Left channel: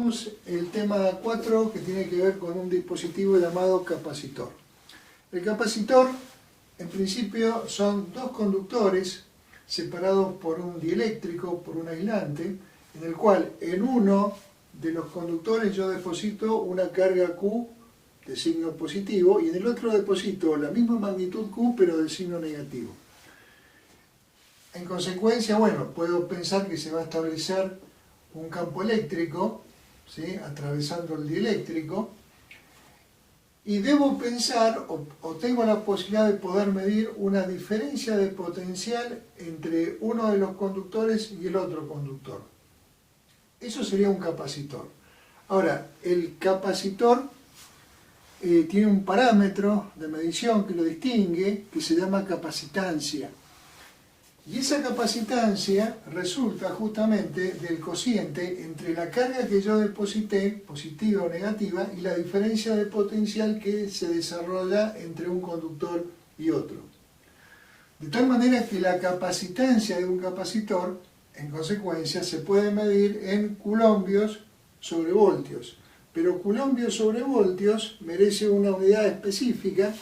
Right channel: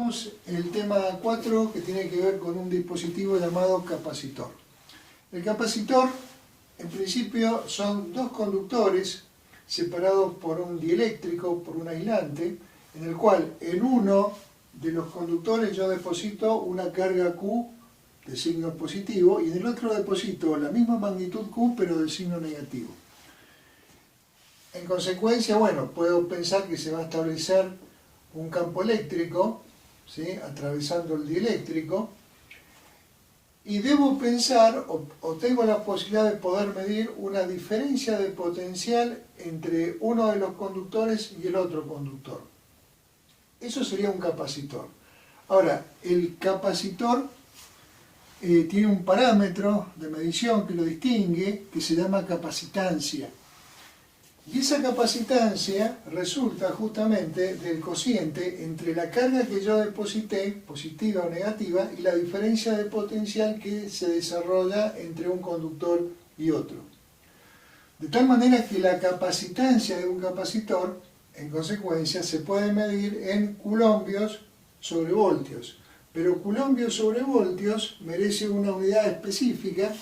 Tenemos el tema 4 que tiene que ver con un dispositivo llamado capacitor. El capacitor, en principio, son dos conductores separados por un dieléctrico, por un aislante, en el cual en uno de los conductores yo deposito una carga Q de signo positivo y en el otro deposito la misma magnitud Q pero de signo negativo. En consecuencia, bueno, puedo pensar que se va a establecer un campo eléctrico, ¿sí?, atravesando el dieléctrico, y debo pensar, o tengo la posibilidad de poder medir una diferencia de potencial entre uno de los conductores y el otro conductor. Eso sería un capacitor. Ahora, el capacitor tiene un parámetro de medición que lo distingue, que se llama capacitancia. Y esa capacitancia resulta justamente del cociente entre la carga que yo deposité, positiva o negativa, y la diferencia de potencial que se desarrolla entre un conductor y otro. De tal manera que la capacitancia de un capacitor, en consecuencia, se puede medir en coulombios sobre voltios. Pero coulombios sobre voltios merece una unidad específica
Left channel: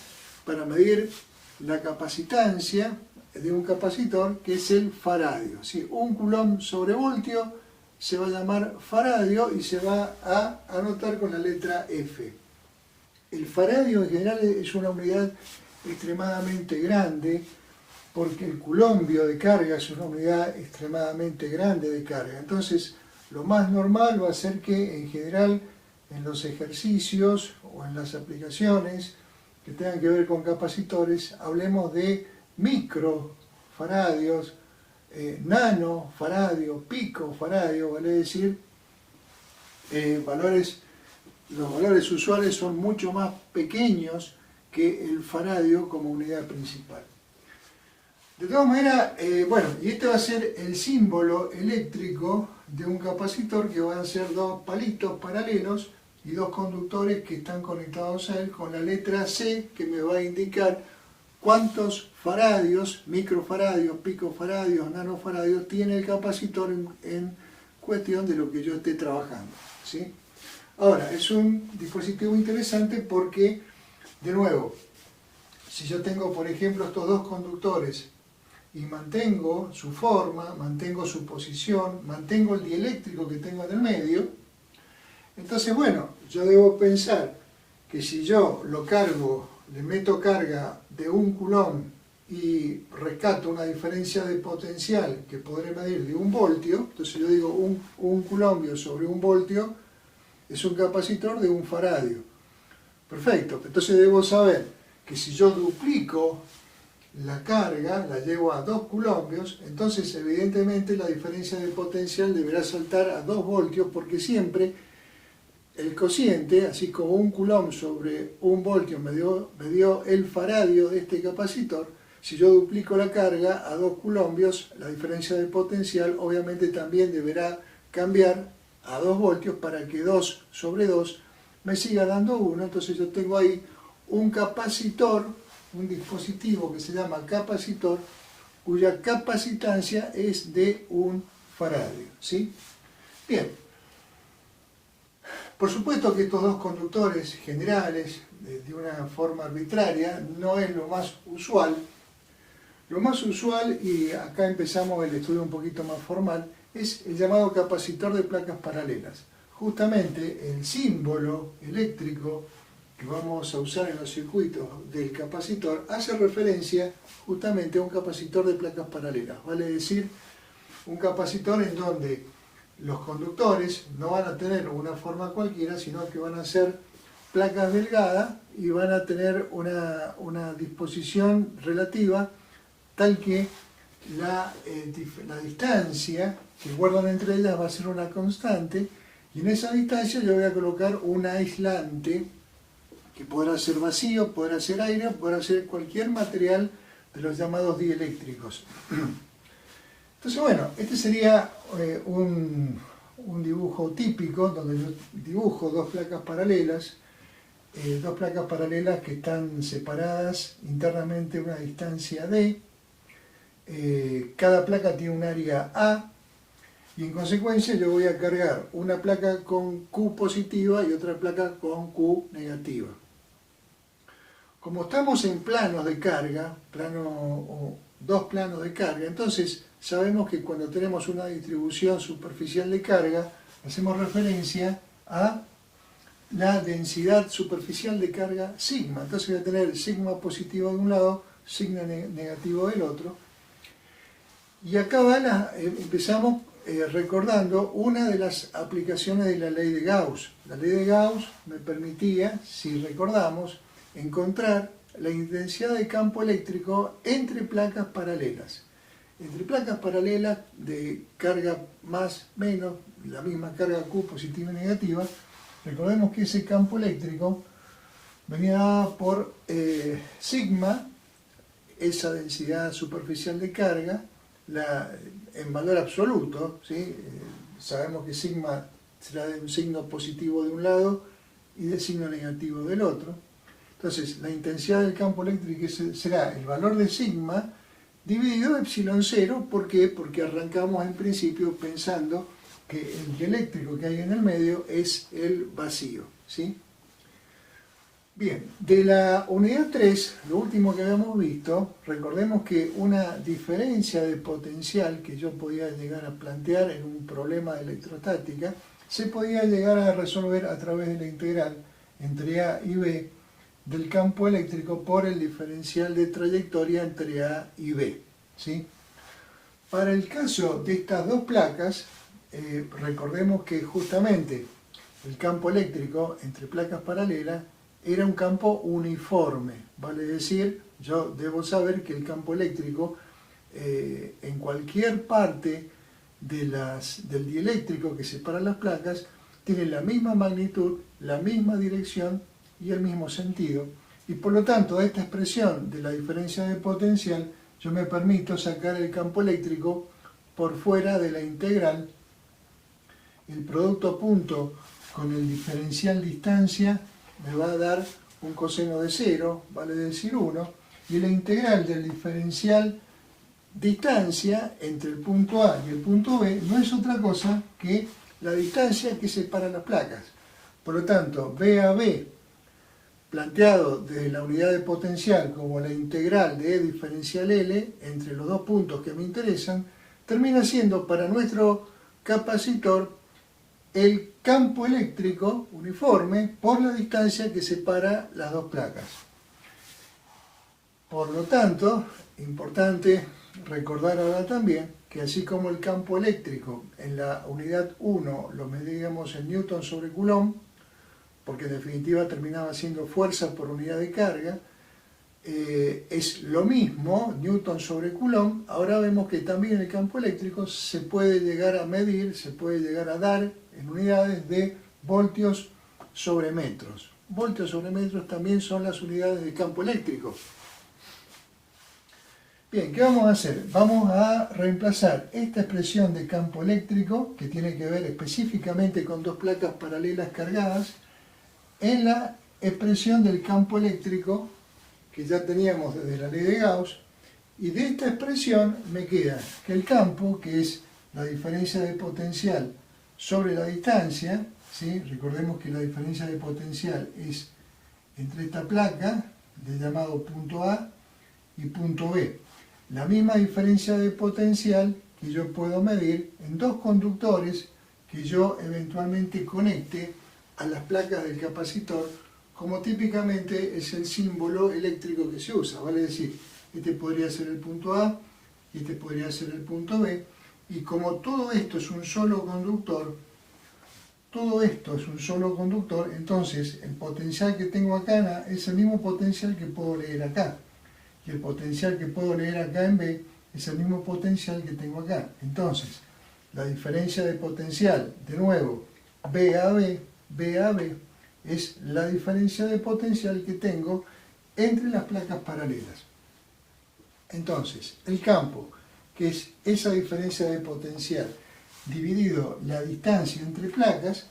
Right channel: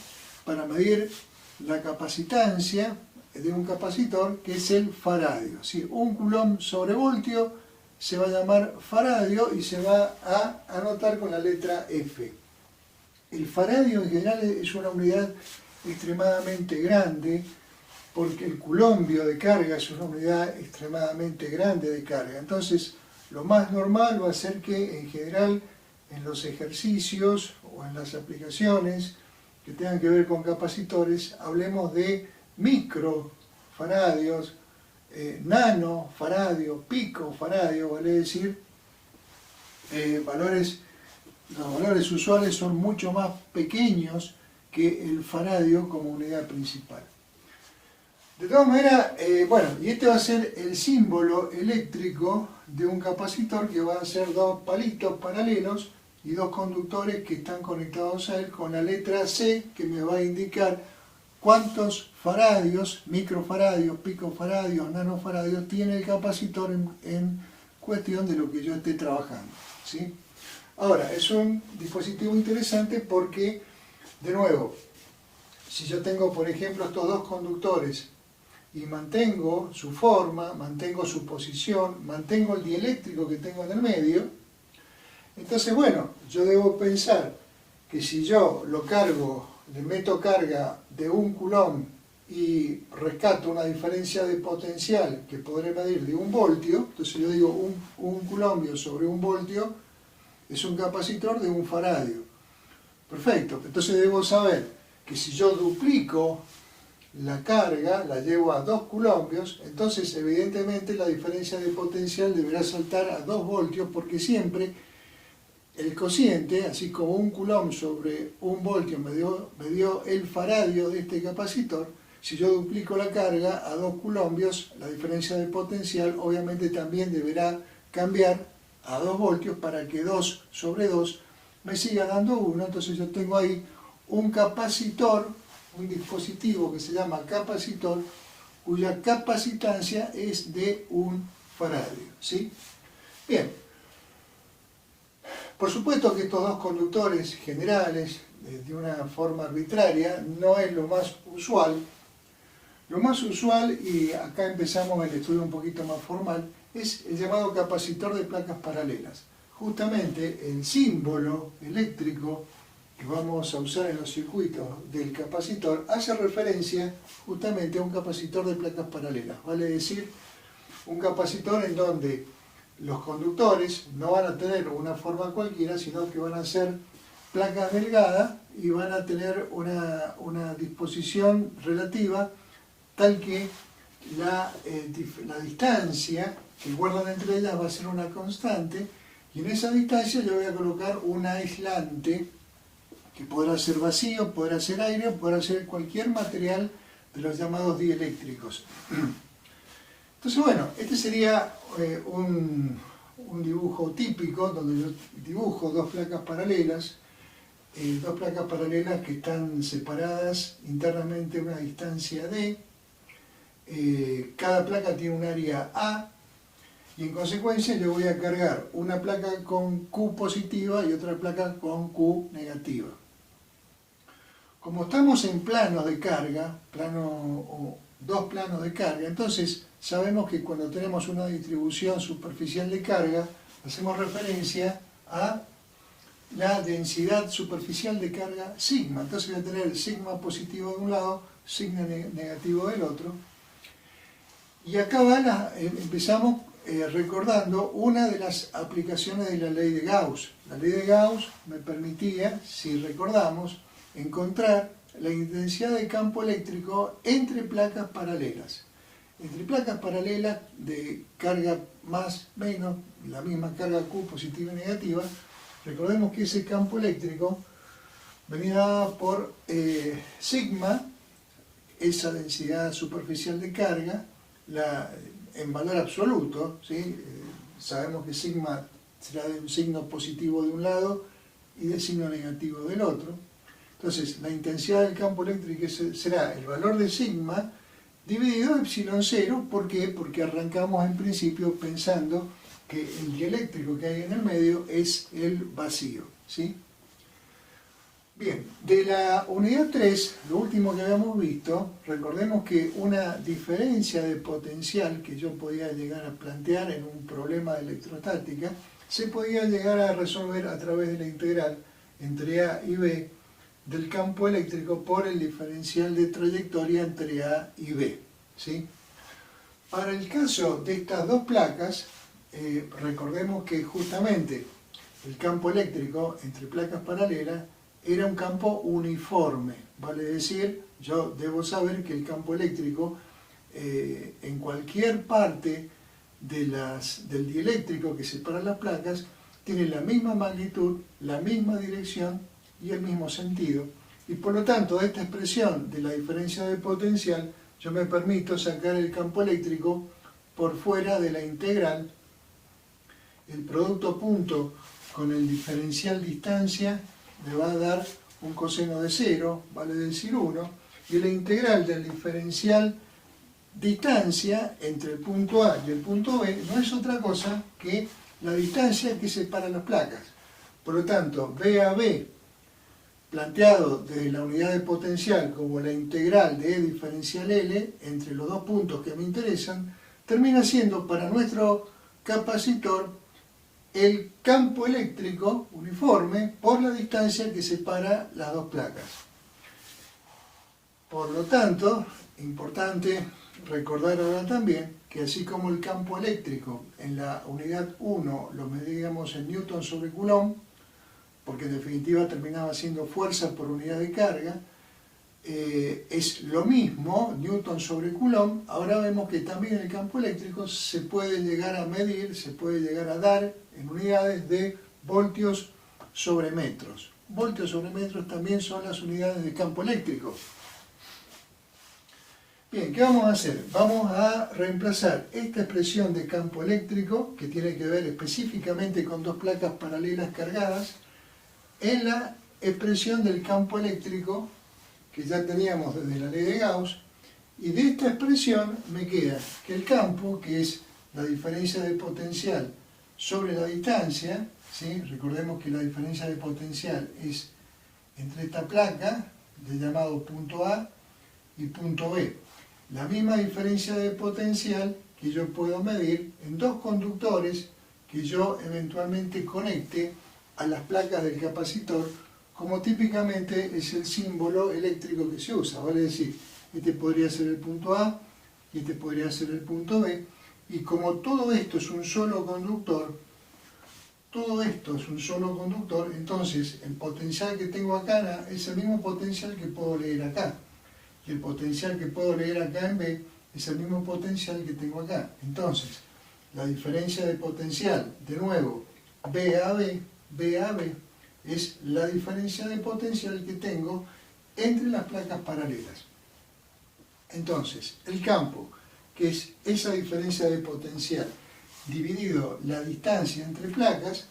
para medir la capacitancia de un capacitor, que es el faradio. ¿Sí? Un coulomb sobre voltio se va a llamar faradio y se va a anotar con la letra F. El faradio en general es una unidad extremadamente grande, porque el coulombio de carga es una unidad extremadamente grande de carga. Entonces, lo más normal va a ser que en general en los ejercicios o en las aplicaciones que tengan que ver con capacitores hablemos de microfaradios, nanofaradio, picofaradio, vale decir, los valores usuales son mucho más pequeños que el faradio como unidad principal. De todas maneras, bueno, y este va a ser el símbolo eléctrico de un capacitor, que van a ser dos palitos paralelos y dos conductores que están conectados a él con la letra C, que me va a indicar cuántos faradios, microfaradios, picofaradios, nanofaradios tiene el capacitor en cuestión de lo que yo esté trabajando, ¿sí? Ahora, es un dispositivo interesante porque, de nuevo, si yo tengo, por ejemplo, estos dos conductores y mantengo su forma, mantengo su posición, mantengo el dieléctrico que tengo en el medio, entonces, bueno, yo debo pensar que si yo lo cargo, le meto carga de un coulomb y rescato una diferencia de potencial que podré medir de 1 voltio, entonces yo digo un coulombio sobre 1 voltio es un capacitor de 1 faradio. Perfecto, entonces debo saber que si yo duplico la carga, la llevo a 2 coulombios, entonces evidentemente la diferencia de potencial deberá saltar a 2 voltios, porque siempre el cociente, así como 1 coulomb sobre 1 voltio me dio el faradio de este capacitor, si yo duplico la carga a 2 coulombios, la diferencia de potencial obviamente también deberá cambiar a 2 voltios para que 2 sobre 2 me siga dando 1. Entonces yo tengo ahí un capacitor, un dispositivo que se llama capacitor, cuya capacitancia es de 1 faradio, ¿sí? Bien. Por supuesto que estos dos conductores generales, de una forma arbitraria, no es lo más usual. Lo más usual, y acá empezamos el estudio un poquito más formal, es el llamado capacitor de placas paralelas. Justamente el símbolo eléctrico que vamos a usar en los circuitos del capacitor hace referencia justamente a un capacitor de placas paralelas. Vale decir, un capacitor en donde los conductores no van a tener una forma cualquiera, sino que van a ser placas delgadas y van a tener una disposición relativa tal que la distancia que guardan entre ellas va a ser una constante, y en esa distancia yo voy a colocar un aislante que podrá ser vacío, podrá ser aire, podrá ser cualquier material de los llamados dieléctricos. Entonces, bueno, este sería un dibujo típico donde yo dibujo dos placas paralelas que están separadas internamente a una distancia D. Cada placa tiene un área A, Y en consecuencia yo voy a cargar una placa con Q positiva y otra placa con Q negativa. Como estamos en planos de carga, dos planos de carga, entonces sabemos que cuando tenemos una distribución superficial de carga, hacemos referencia a la densidad superficial de carga sigma. Entonces voy a tener sigma positivo de un lado, sigma negativo del otro. Y acá empezamos recordando una de las aplicaciones de la ley de Gauss. La ley de Gauss me permitía, si recordamos, encontrar la intensidad de campo eléctrico entre placas paralelas. Entre placas paralelas de carga más, menos, la misma carga Q positiva y negativa, recordemos que ese campo eléctrico venía por sigma, esa densidad superficial de carga, en valor absoluto, ¿sí? Sabemos que sigma será de un signo positivo de un lado y de signo negativo del otro. Entonces, la intensidad del campo eléctrico será el valor de sigma dividido epsilon 0. ¿Por qué? Porque arrancamos en principio pensando que el dieléctrico que hay en el medio es el vacío, ¿sí? Bien, de la unidad 3, lo último que habíamos visto, recordemos que una diferencia de potencial que yo podía llegar a plantear en un problema de electrostática, se podía llegar a resolver a través de la integral entre A y B del campo eléctrico por el diferencial de trayectoria entre A y B, ¿sí? Para el caso de estas dos placas, recordemos que justamente el campo eléctrico entre placas paralelas era un campo uniforme, vale decir, yo debo saber que el campo eléctrico en cualquier parte del dieléctrico que separa las placas tiene la misma magnitud, la misma dirección y el mismo sentido, y por lo tanto esta expresión de la diferencia de potencial yo me permito sacar el campo eléctrico por fuera de la integral. El producto punto con el diferencial distancia me va a dar un coseno de 0, vale decir 1, y la integral del diferencial distancia entre el punto A y el punto B no es otra cosa que la distancia que separa las placas. Por lo tanto, B a B, planteado desde la unidad de potencial como la integral de E diferencial L entre los dos puntos que me interesan, termina siendo para nuestro capacitor el campo eléctrico uniforme por la distancia que separa las dos placas. Por lo tanto, importante recordar ahora también que así como el campo eléctrico en la unidad 1 lo medíamos en Newton sobre Coulomb, porque en definitiva terminaba siendo fuerza por unidad de carga, es lo mismo, Newton sobre Coulomb. Ahora vemos que también el campo eléctrico se puede llegar a medir, se puede llegar a dar en unidades de voltios sobre metros. Voltios sobre metros también son las unidades de campo eléctrico. Bien, ¿qué vamos a hacer? Vamos a reemplazar esta expresión de campo eléctrico, que tiene que ver específicamente con dos placas paralelas cargadas, en la expresión del campo eléctrico que ya teníamos desde la ley de Gauss, y de esta expresión me queda que el campo, que es la diferencia de potencial sobre la distancia, ¿sí? Recordemos que la diferencia de potencial es entre esta placa, del llamado punto A, y punto B. La misma diferencia de potencial que yo puedo medir en dos conductores que yo eventualmente conecte a las placas del capacitor, como típicamente es el símbolo eléctrico que se usa, vale decir, este podría ser el punto A y este podría ser el punto B, y como todo esto es un solo conductor, entonces el potencial que tengo acá es el mismo potencial que puedo leer acá, y el potencial que puedo leer acá en B es el mismo potencial que tengo acá. Entonces, la diferencia de potencial, de nuevo, B a B, es la diferencia de potencial que tengo entre las placas paralelas. Entonces, el campo, que es esa diferencia de potencial dividido la distancia entre placas,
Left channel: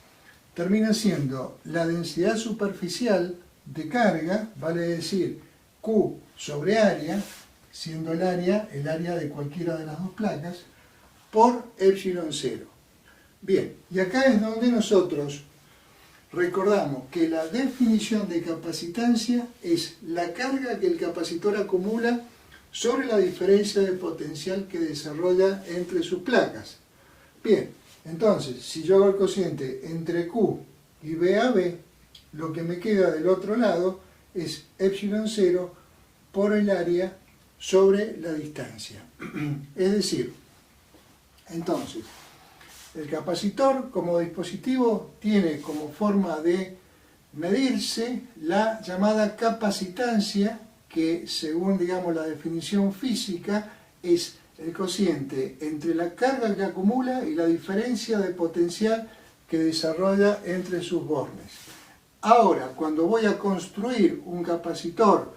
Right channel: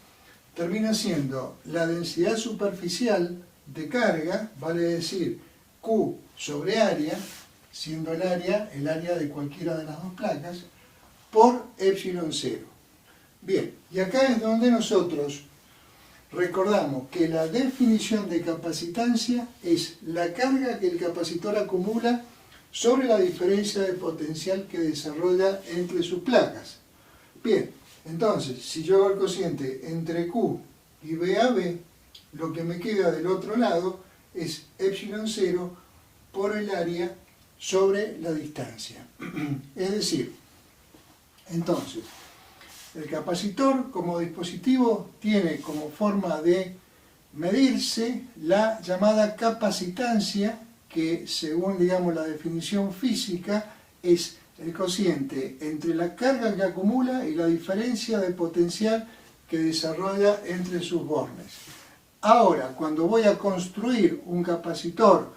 termina siendo la densidad superficial de carga, vale decir Q sobre área, siendo el área de cualquiera de las dos placas, por epsilon 0. Bien, y acá es donde nosotros recordamos que la definición de capacitancia es la carga que el capacitor acumula sobre la diferencia de potencial que desarrolla entre sus placas. Bien, entonces, si yo hago el cociente entre Q y BAB, lo que me queda del otro lado es epsilon 0 por el área sobre la distancia. Es decir, entonces, el capacitor como dispositivo tiene como forma de medirse la llamada capacitancia, que según digamos la definición física es el cociente entre la carga que acumula y la diferencia de potencial que desarrolla entre sus bornes. Ahora, cuando voy a construir un capacitor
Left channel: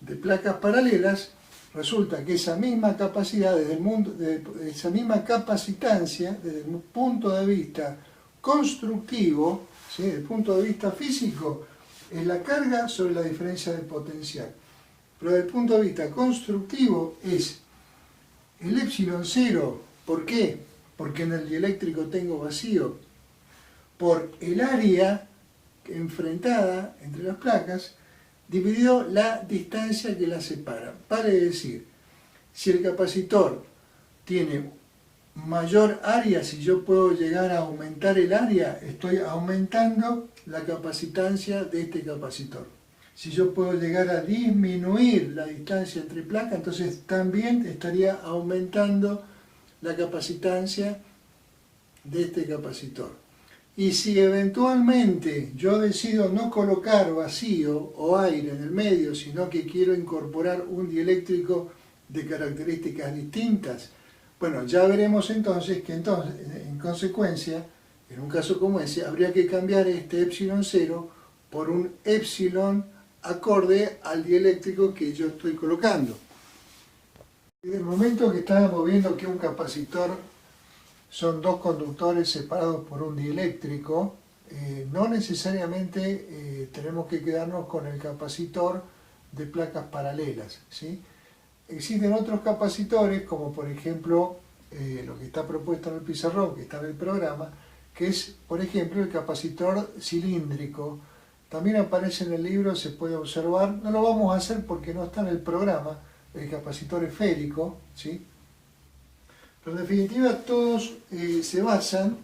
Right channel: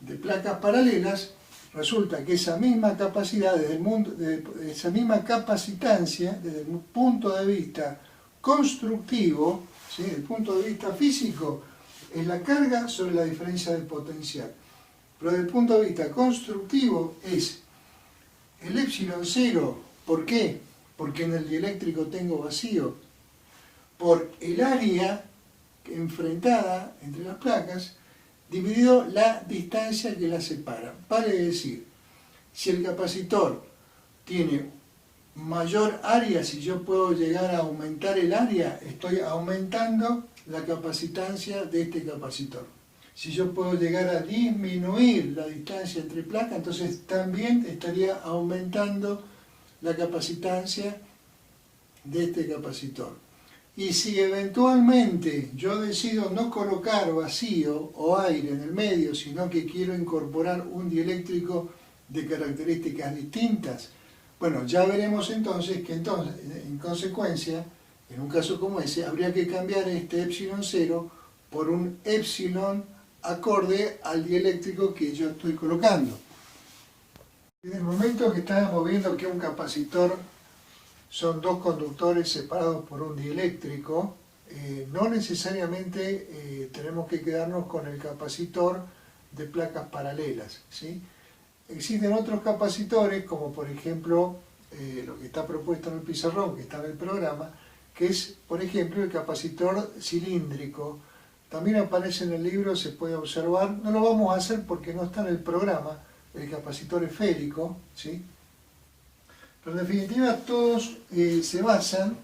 de placas paralelas, resulta que esa misma capacidad, esa misma capacitancia, desde el punto de vista constructivo, ¿sí?, desde el punto de vista físico, es la carga sobre la diferencia de potencial. Pero desde el punto de vista constructivo es el epsilon 0. ¿Por qué? Porque en el dieléctrico tengo vacío. Por el área enfrentada entre las placas, dividido la distancia que las separa. Vale decir, si el capacitor tiene mayor área, si yo puedo llegar a aumentar el área, estoy aumentando la capacitancia de este capacitor. Si yo puedo llegar a disminuir la distancia entre placas, entonces también estaría aumentando la capacitancia de este capacitor. Y si eventualmente yo decido no colocar vacío o aire en el medio, sino que quiero incorporar un dieléctrico de características distintas, bueno, ya veremos entonces que en consecuencia, en un caso como ese, habría que cambiar este epsilon 0 por un epsilon acorde al dieléctrico que yo estoy colocando. En el momento que estábamos viendo que un capacitor son dos conductores separados por un dieléctrico, no necesariamente tenemos que quedarnos con el capacitor de placas paralelas, ¿sí? Existen otros capacitores, como por ejemplo lo que está propuesto en el pizarrón, que está en el programa, que es, por ejemplo, el capacitor cilíndrico. También aparece en el libro, se puede observar, no lo vamos a hacer porque no está en el programa, el capacitor esférico, ¿sí? Pero en definitiva todos se basan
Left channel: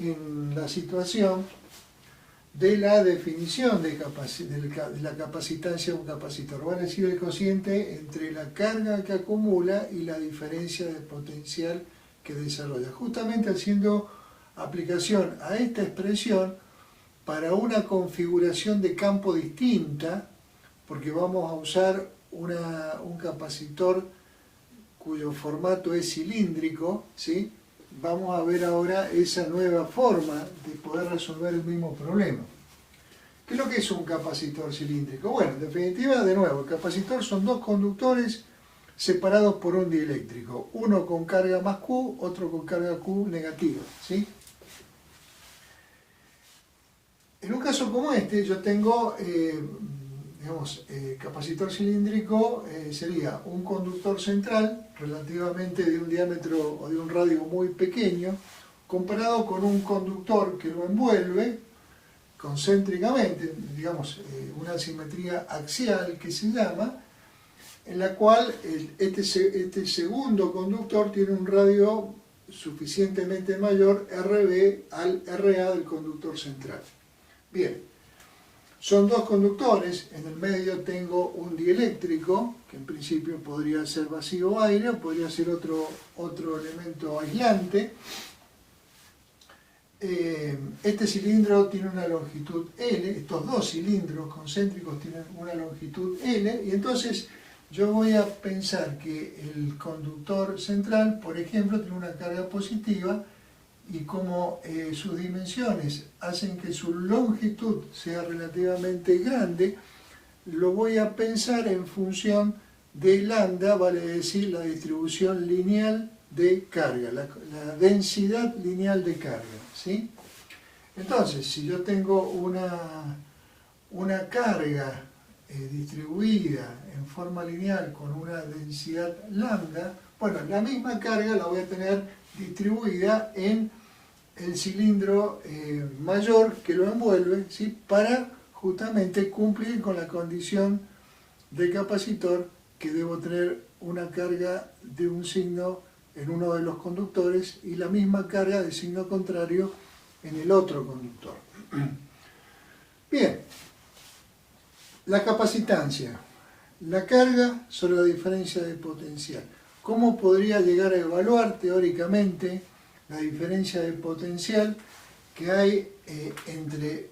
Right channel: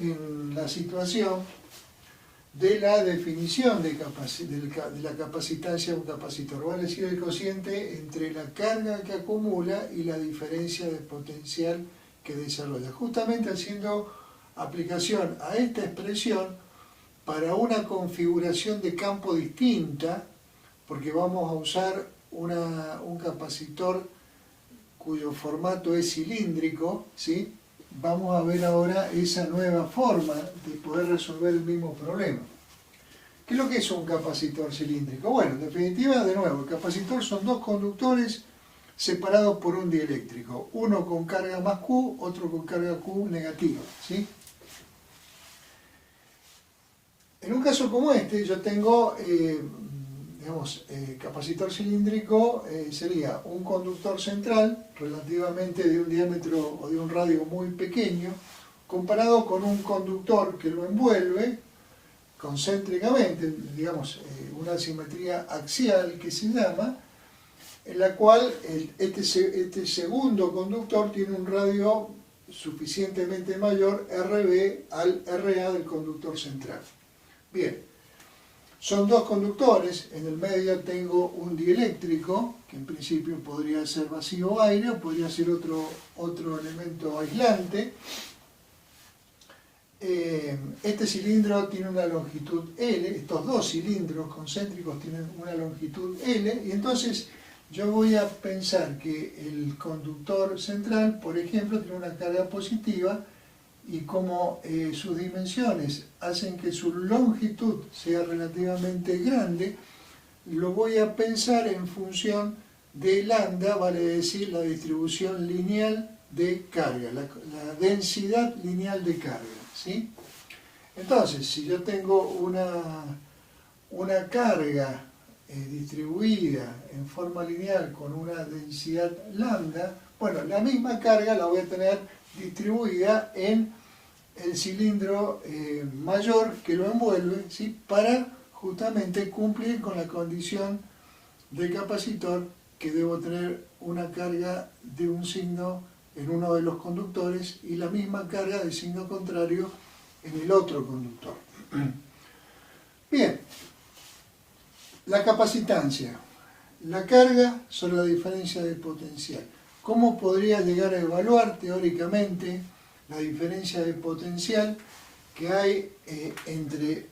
en la situación de la definición de la capacitancia de un capacitor, vale decir, el cociente entre la carga que acumula y la diferencia de potencial que desarrolla, justamente haciendo aplicación a esta expresión para una configuración de campo distinta, porque vamos a usar un capacitor cuyo formato es cilíndrico, ¿sí? Vamos a ver ahora esa nueva forma de poder resolver el mismo problema. ¿Qué es lo que es un capacitor cilíndrico? Bueno, en definitiva, de nuevo, el capacitor son dos conductores separados por un dieléctrico, uno con carga más Q, otro con carga Q negativa, ¿sí? En un caso como este, yo tengo, capacitor cilíndrico sería un conductor central relativamente de un diámetro o de un radio muy pequeño, comparado con un conductor que lo envuelve concéntricamente, digamos, una simetría axial que se llama, en la cual este segundo conductor tiene un radio suficientemente mayor, RB, al RA del conductor central. Bien, son dos conductores, en el medio tengo un dieléctrico, que en principio podría ser vacío o aire, o podría ser otro elemento aislante. Este cilindro tiene una longitud L, estos dos cilindros concéntricos tienen una longitud L, y entonces yo voy a pensar que el conductor central, por ejemplo, tiene una carga positiva, y como sus dimensiones hacen que su longitud sea relativamente grande, lo voy a pensar en función de lambda, vale decir la distribución lineal de carga, la densidad lineal de carga, ¿sí? Entonces, si yo tengo una carga distribuida en forma lineal con una densidad lambda, bueno, la misma carga la voy a tener distribuida en el cilindro mayor que lo envuelve, ¿sí? Para justamente cumplir con la condición del capacitor que debo tener una carga de un signo en uno de los conductores y la misma carga de signo contrario en el otro conductor. Bien, la capacitancia, la carga sobre la diferencia de potencial. ¿Cómo podría llegar a evaluar teóricamente la diferencia de potencial que hay entre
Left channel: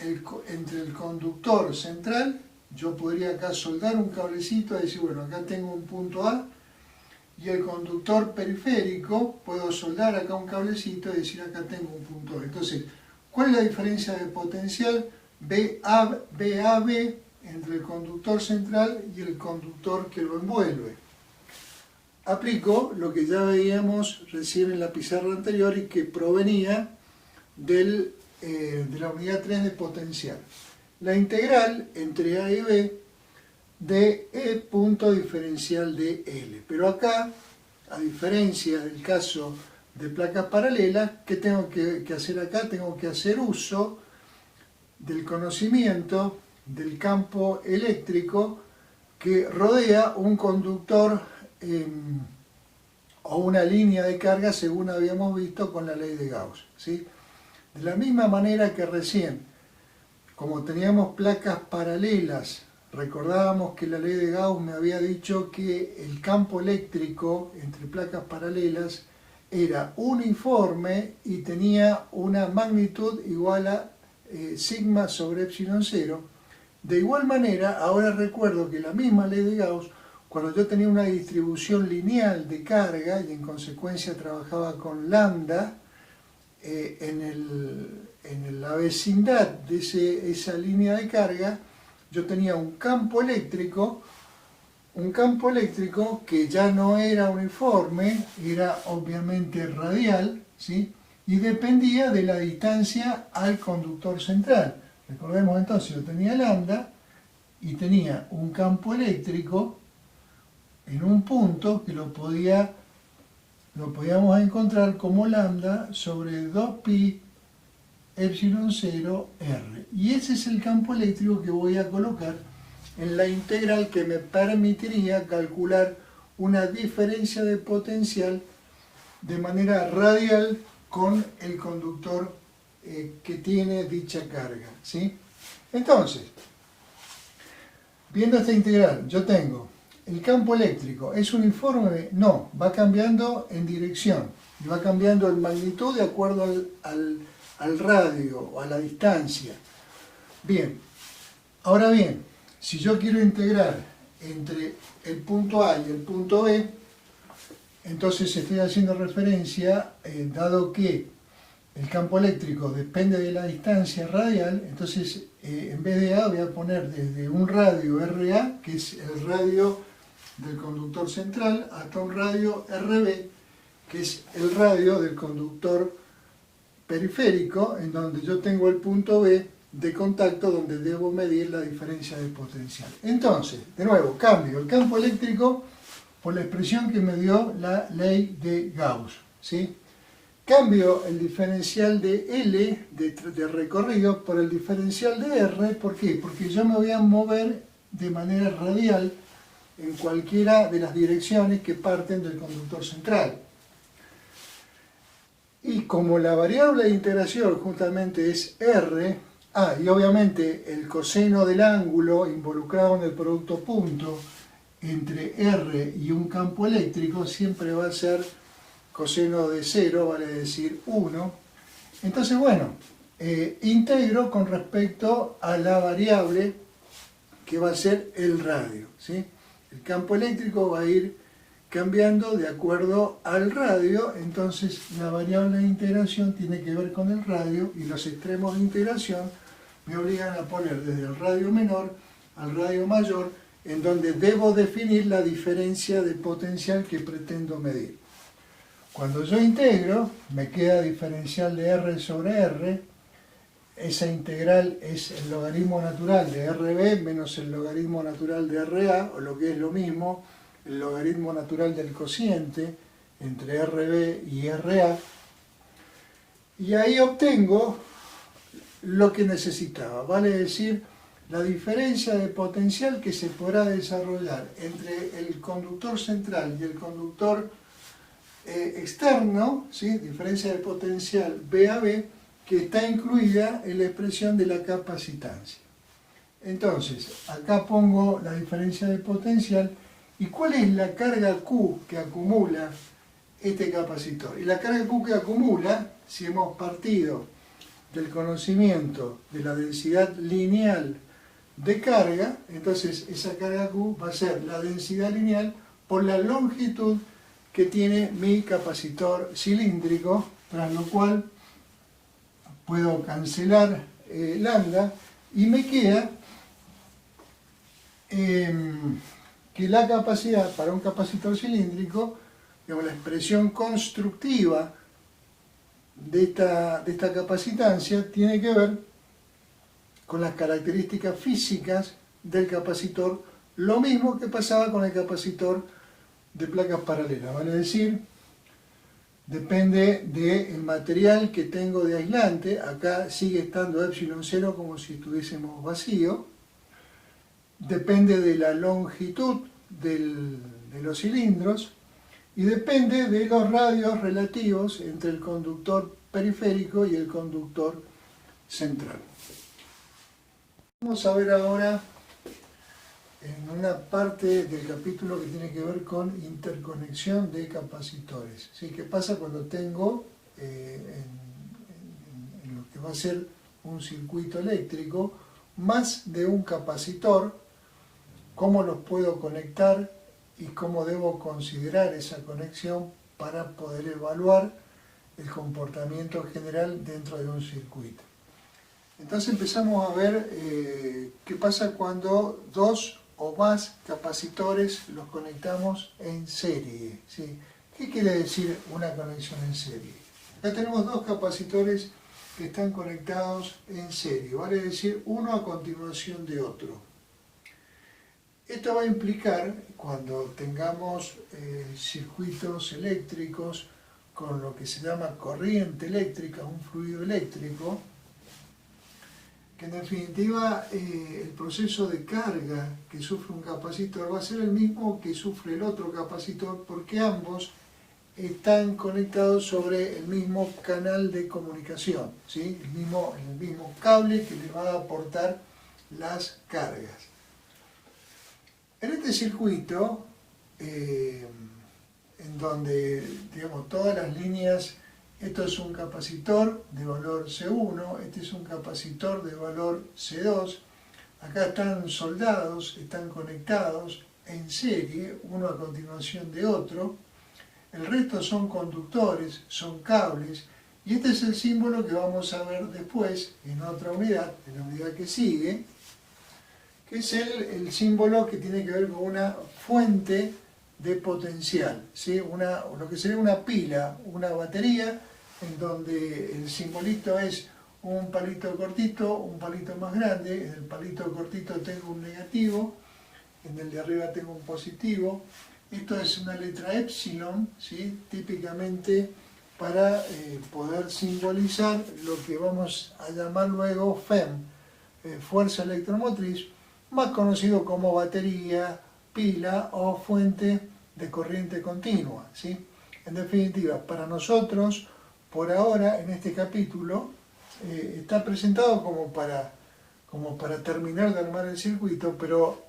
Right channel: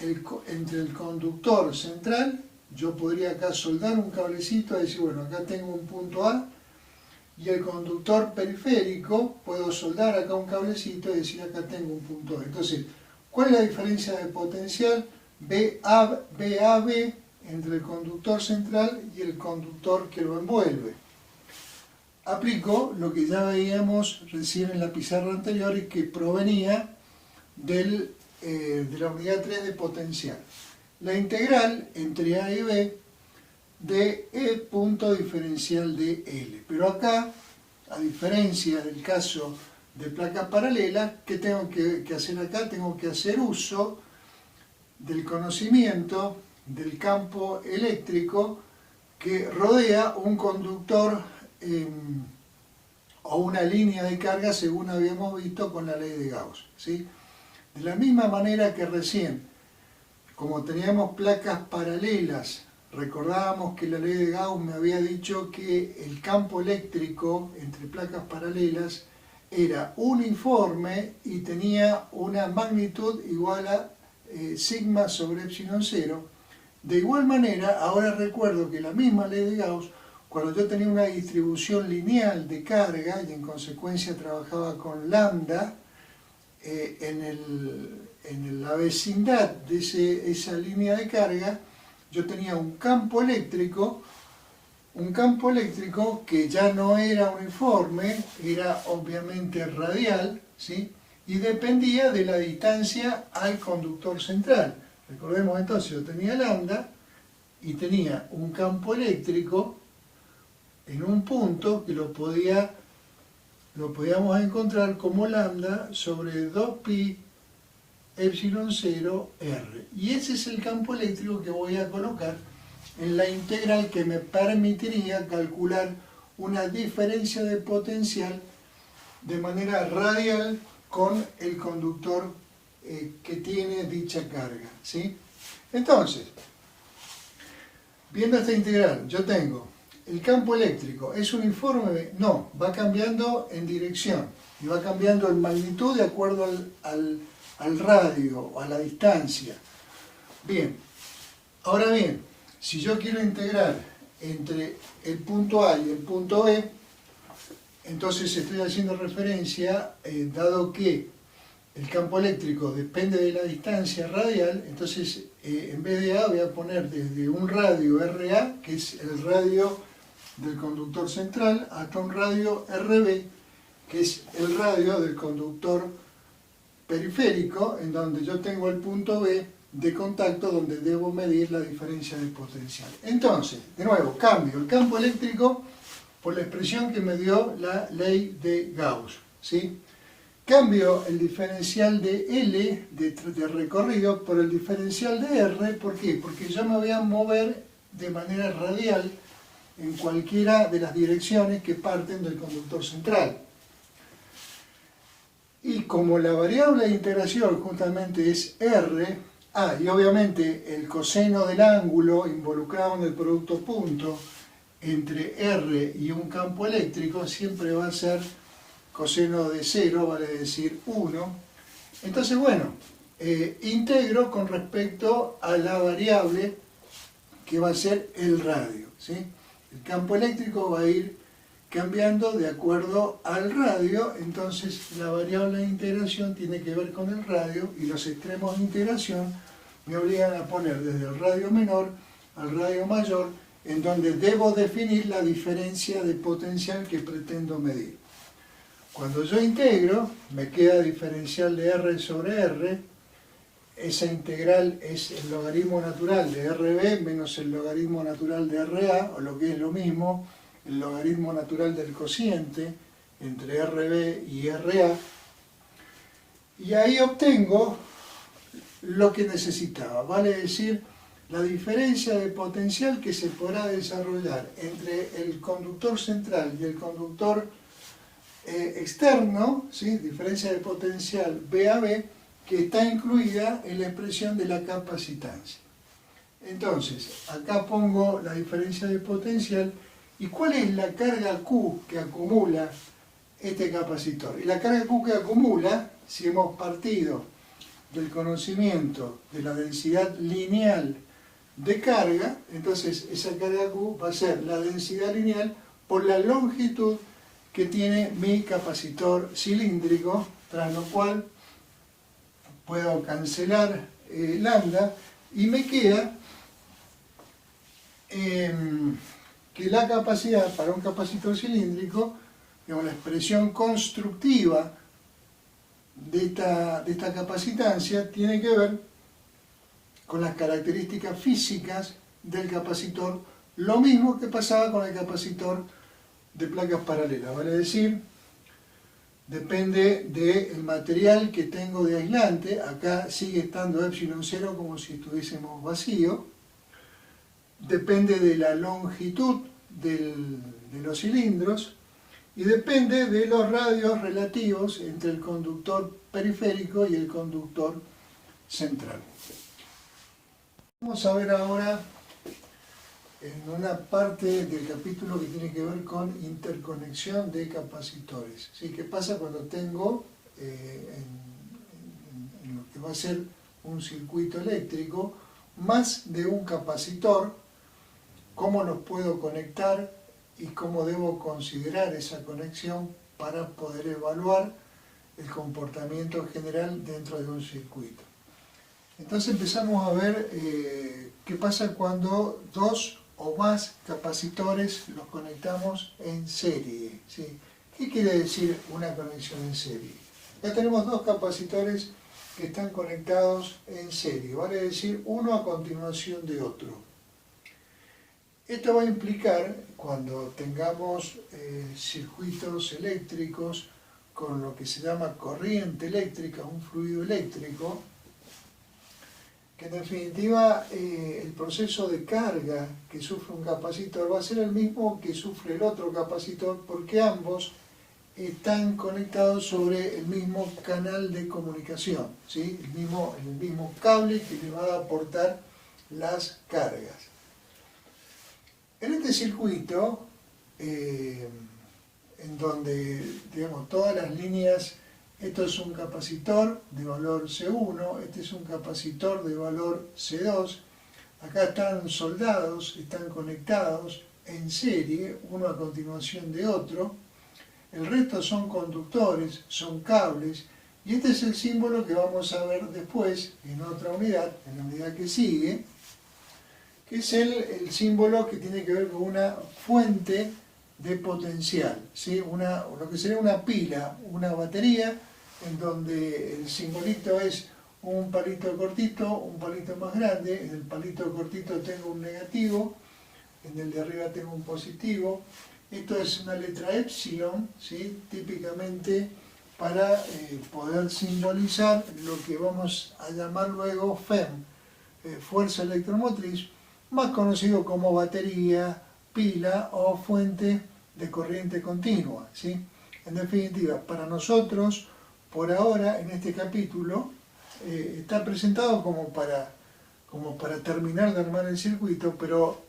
el conductor central? Yo podría acá soldar un cablecito y decir, bueno, acá tengo un punto A, y el conductor periférico puedo soldar acá un cablecito y decir, acá tengo un punto B. Entonces, ¿cuál es la diferencia de potencial BAB entre el conductor central y el conductor que lo envuelve? Aplico lo que ya veíamos recién en la pizarra anterior y que provenía de la unidad 3 de potencial. La integral entre A y B de E punto diferencial de L. Pero acá, a diferencia del caso de placas paralelas, ¿qué tengo que hacer acá? Tengo que hacer uso del conocimiento del campo eléctrico que rodea un conductor o una línea de carga, según habíamos visto con la ley de Gauss, ¿sí? De la misma manera que recién, como teníamos placas paralelas, recordábamos que la ley de Gauss me había dicho que el campo eléctrico entre placas paralelas era uniforme y tenía una magnitud igual a sigma sobre epsilon 0. De igual manera, ahora recuerdo que la misma ley de Gauss, cuando yo tenía una distribución lineal de carga y en consecuencia trabajaba con lambda, en la vecindad de esa línea de carga, yo tenía un campo eléctrico que ya no era uniforme, era obviamente radial, ¿sí? Y dependía de la distancia al conductor central. Recordemos entonces, yo tenía lambda y tenía un campo eléctrico en un punto que lo podíamos encontrar como lambda sobre 2pi epsilon 0 r. Y ese es el campo eléctrico que voy a colocar en la integral que me permitiría calcular una diferencia de potencial de manera radial con el conductor que tiene dicha carga, ¿sí? Entonces, viendo esta integral, yo tengo el campo eléctrico, ¿es uniforme? No, va cambiando en dirección y va cambiando en magnitud de acuerdo al radio o a la distancia. Bien, ahora bien, si yo quiero integrar entre el punto A y el punto B, entonces estoy haciendo referencia, dado que el campo eléctrico depende de la distancia radial, entonces en vez de A voy a poner desde un radio RA, que es el radio del conductor central, hasta un radio RB, que es el radio del conductor periférico, en donde yo tengo el punto B de contacto donde debo medir la diferencia de potencial. Entonces, de nuevo, cambio el campo eléctrico por la expresión que me dio la ley de Gauss, ¿sí? Cambio el diferencial de L de recorrido por el diferencial de R. ¿Por qué? Porque yo me voy a mover de manera radial en cualquiera de las direcciones que parten del conductor central. Y como la variable de integración justamente es R, y obviamente el coseno del ángulo involucrado en el producto punto entre R y un campo eléctrico siempre va a ser coseno de 0, vale decir 1. Entonces, bueno, integro con respecto a la variable que va a ser el radio, ¿sí? El campo eléctrico va a ir cambiando de acuerdo al radio, entonces la variable de integración tiene que ver con el radio y los extremos de integración me obligan a poner desde el radio menor al radio mayor, en donde debo definir la diferencia de potencial que pretendo medir. Cuando yo integro, me queda diferencial de R sobre R. Esa integral es el logaritmo natural de RB menos el logaritmo natural de RA, o lo que es lo mismo, el logaritmo natural del cociente entre RB y RA. Y ahí obtengo lo que necesitaba, vale decir, la diferencia de potencial que se podrá desarrollar entre el conductor central y el conductor externo, ¿sí? Diferencia de potencial B a B, que está incluida en la expresión de la capacitancia. Entonces, acá pongo la diferencia de potencial y cuál es la carga Q que acumula este capacitor. Y la carga Q que acumula, si hemos partido del conocimiento de la densidad lineal de carga, entonces esa carga Q va a ser la densidad lineal por la longitud que tiene mi capacitor cilíndrico, tras lo cual puedo cancelar lambda y me queda que la capacidad para un capacitor cilíndrico, digamos, la expresión constructiva de esta capacitancia tiene que ver con las características físicas del capacitor, lo mismo que pasaba con el capacitor de placas paralelas, vale decir, depende del material que tengo de aislante, acá sigue estando epsilon 0 como si estuviésemos vacío, depende de la longitud de los cilindros y depende de los radios relativos entre el conductor periférico y el conductor central. Vamos a ver ahora en una parte del capítulo que tiene que ver con interconexión de capacitores. ¿Sí? ¿Qué pasa cuando tengo en lo que va a ser un circuito eléctrico más de un capacitor? ¿Cómo los puedo conectar y cómo debo considerar esa conexión para poder evaluar el comportamiento general dentro de un circuito? Entonces empezamos a ver qué pasa cuando dos o más capacitores los conectamos en serie, ¿sí? ¿Qué quiere decir una conexión en serie? Ya tenemos dos capacitores que están conectados en serie, vale decir uno a continuación de otro. Esto va a implicar, cuando tengamos circuitos eléctricos con lo que se llama corriente eléctrica, un fluido eléctrico, que en definitiva el proceso de carga que sufre un capacitor va a ser el mismo que sufre el otro capacitor, porque ambos están conectados sobre el mismo canal de comunicación, ¿sí? el mismo cable que le va a aportar las cargas. En este circuito, en donde digamos, todas las líneas, esto es un capacitor de valor C1, este es un capacitor de valor C2, acá están soldados, están conectados en serie, uno a continuación de otro, el resto son conductores, son cables, y este es el símbolo que vamos a ver después en otra unidad, en la unidad que sigue, que es el símbolo que tiene que ver con una fuente de potencial, ¿sí? Lo que sería una pila, una batería, en donde el simbolito es un palito cortito, un palito más grande, en el palito cortito tengo un negativo, en el de arriba tengo un positivo. Esto es una letra epsilon, ¿sí? Típicamente para poder simbolizar lo que vamos a llamar luego FEM, fuerza electromotriz, más conocido como batería, pila o fuente de corriente continua, ¿sí? En definitiva, para nosotros, por ahora, en este capítulo, está presentado como para terminar de armar el circuito, pero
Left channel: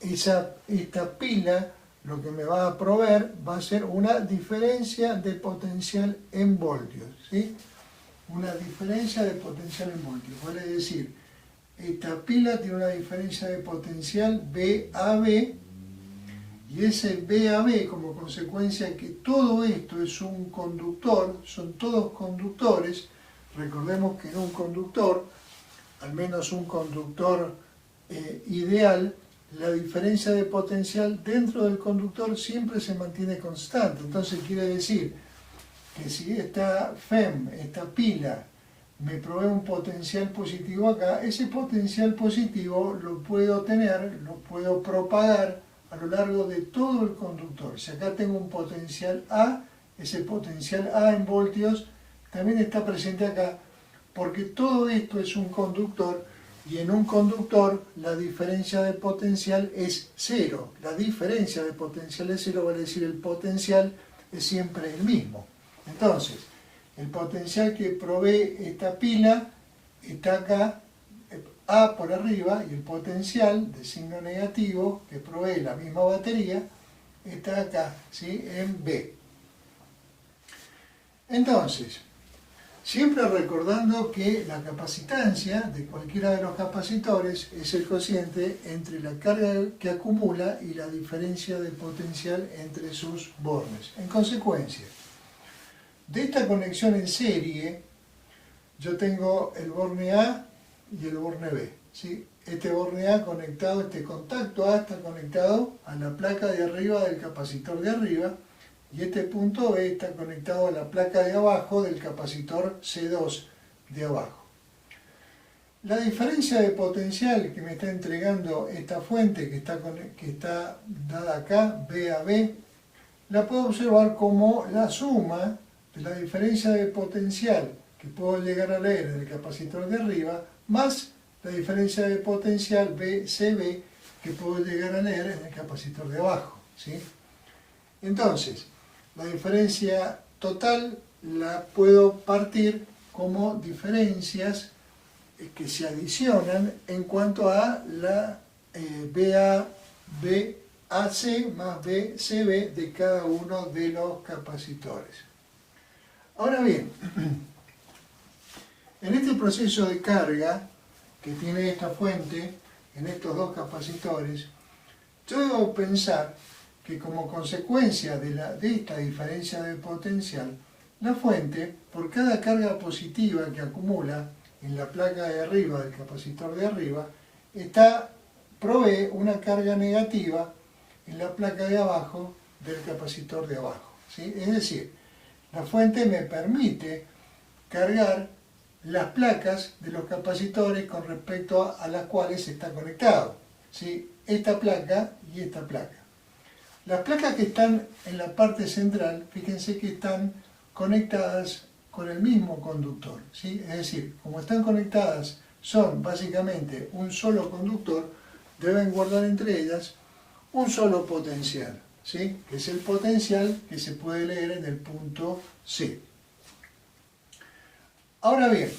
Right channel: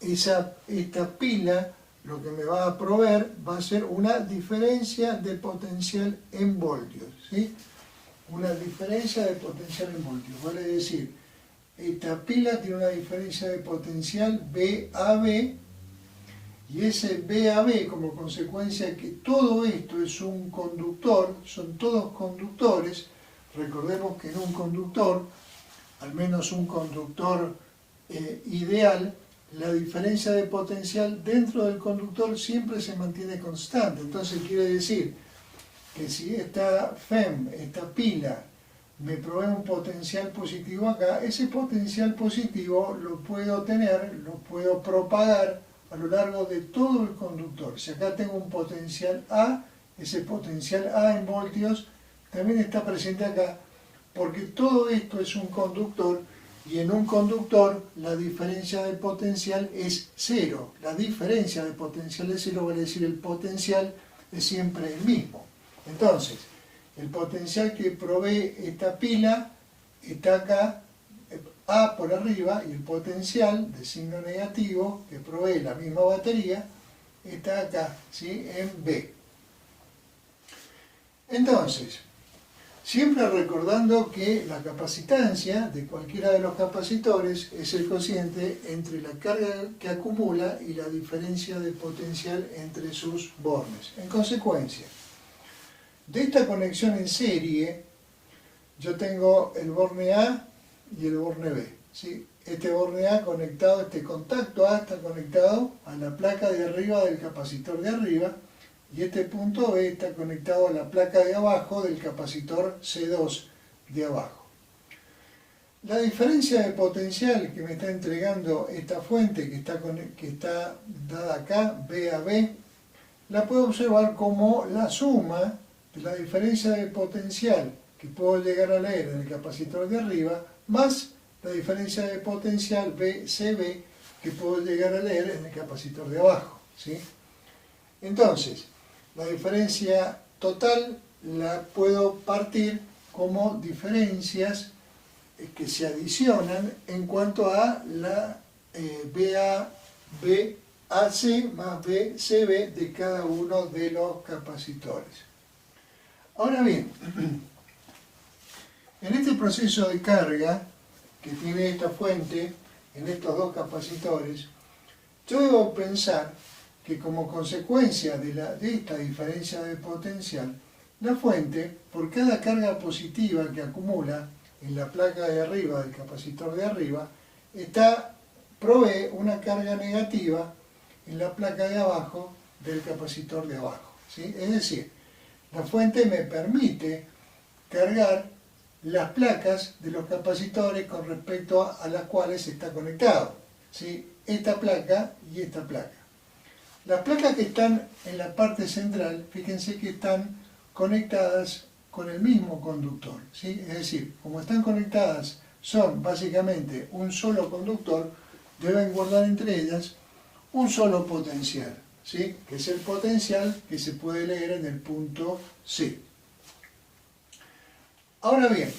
esta pila lo que me va a proveer va a ser una diferencia de potencial en voltios, ¿sí? Una diferencia de potencial en voltios, vale decir, esta pila tiene una diferencia de potencial VAB, y ese VAB, como consecuencia que todo esto es un conductor, son todos conductores. Recordemos que en un conductor, al menos un conductor ideal, la diferencia de potencial dentro del conductor siempre se mantiene constante. Entonces quiere decir que si esta FEM, esta pila, me provee un potencial positivo acá, ese potencial positivo lo puedo tener, lo puedo propagar a lo largo de todo el conductor. Si acá tengo un potencial A, ese potencial A en voltios también está presente acá, porque todo esto es un conductor, y en un conductor la diferencia de potencial es cero. La diferencia de potencial es cero, vale decir el potencial es siempre el mismo. Entonces, el potencial que provee esta pila está acá, A por arriba, y el potencial de signo negativo que provee la misma batería está acá, ¿sí? En B. Entonces, siempre recordando que la capacitancia de cualquiera de los capacitores es el cociente entre la carga que acumula y la diferencia de potencial entre sus bornes. En consecuencia, de esta conexión en serie, yo tengo el borne A y el borne B, ¿sí? Este borne A conectado, este contacto A está conectado a la placa de arriba del capacitor de arriba, y este punto B está conectado a la placa de abajo del capacitor C2 de abajo. La diferencia de potencial que me está entregando esta fuente que está dada acá, B a B, la puedo observar como la suma de la diferencia de potencial que puedo llegar a leer en el capacitor de arriba, más la diferencia de potencial BCB que puedo llegar a leer en el capacitor de abajo, ¿sí? Entonces, la diferencia total la puedo partir como diferencias que se adicionan en cuanto a la BAC más BCB de cada uno de los capacitores. Ahora bien, en este proceso de carga que tiene esta fuente en estos dos capacitores, yo debo pensar que como consecuencia de esta diferencia de potencial, la fuente, por cada carga positiva que acumula en la placa de arriba del capacitor de arriba, provee una carga negativa en la placa de abajo del capacitor de abajo, ¿sí? Es decir, la fuente me permite cargar las placas de los capacitores con respecto a las cuales está conectado, ¿sí? Esta placa y esta placa. Las placas que están en la parte central, fíjense que están conectadas con el mismo conductor, ¿sí? Es decir, como están conectadas, son básicamente un solo conductor, deben guardar entre ellas un solo potencial, ¿sí? Que es el potencial que se puede leer en el punto C. Ahora bien,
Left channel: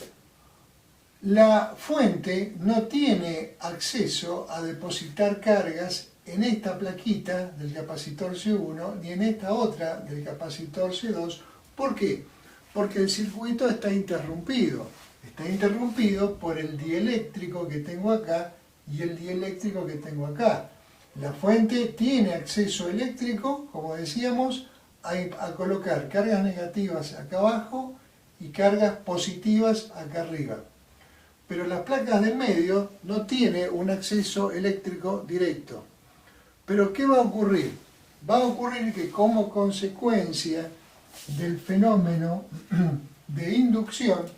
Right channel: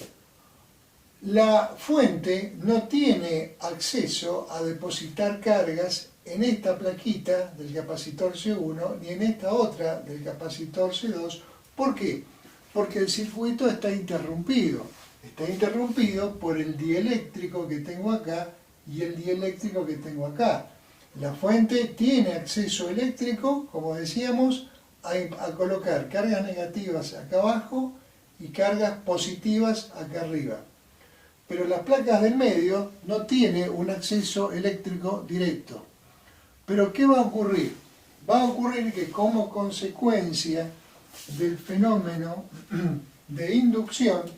la fuente no tiene acceso a depositar cargas en esta plaquita del capacitor C1 ni en esta otra del capacitor C2. ¿Por qué? Porque el circuito está interrumpido. Está interrumpido por el dieléctrico que tengo acá y el dieléctrico que tengo acá. La fuente tiene acceso eléctrico, como decíamos, a colocar cargas negativas acá abajo y cargas positivas acá arriba. Pero las placas del medio no tienen un acceso eléctrico directo. Pero ¿qué va a ocurrir? Va a ocurrir que como consecuencia del fenómeno de inducción,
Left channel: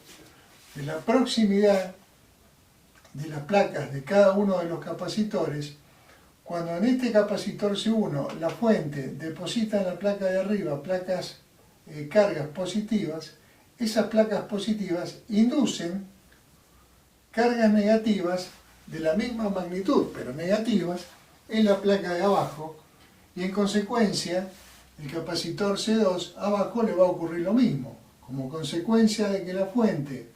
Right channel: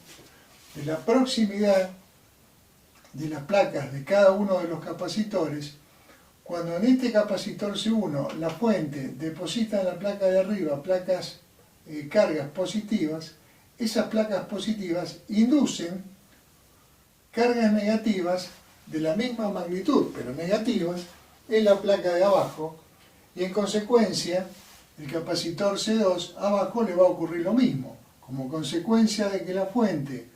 de la proximidad de las placas de cada uno de los capacitores, cuando en este capacitor C1 la fuente deposita en la placa de arriba cargas positivas, esas placas positivas inducen cargas negativas de la misma magnitud, pero negativas, en la placa de abajo, y en consecuencia el capacitor C2 abajo le va a ocurrir lo mismo. Como consecuencia de que la fuente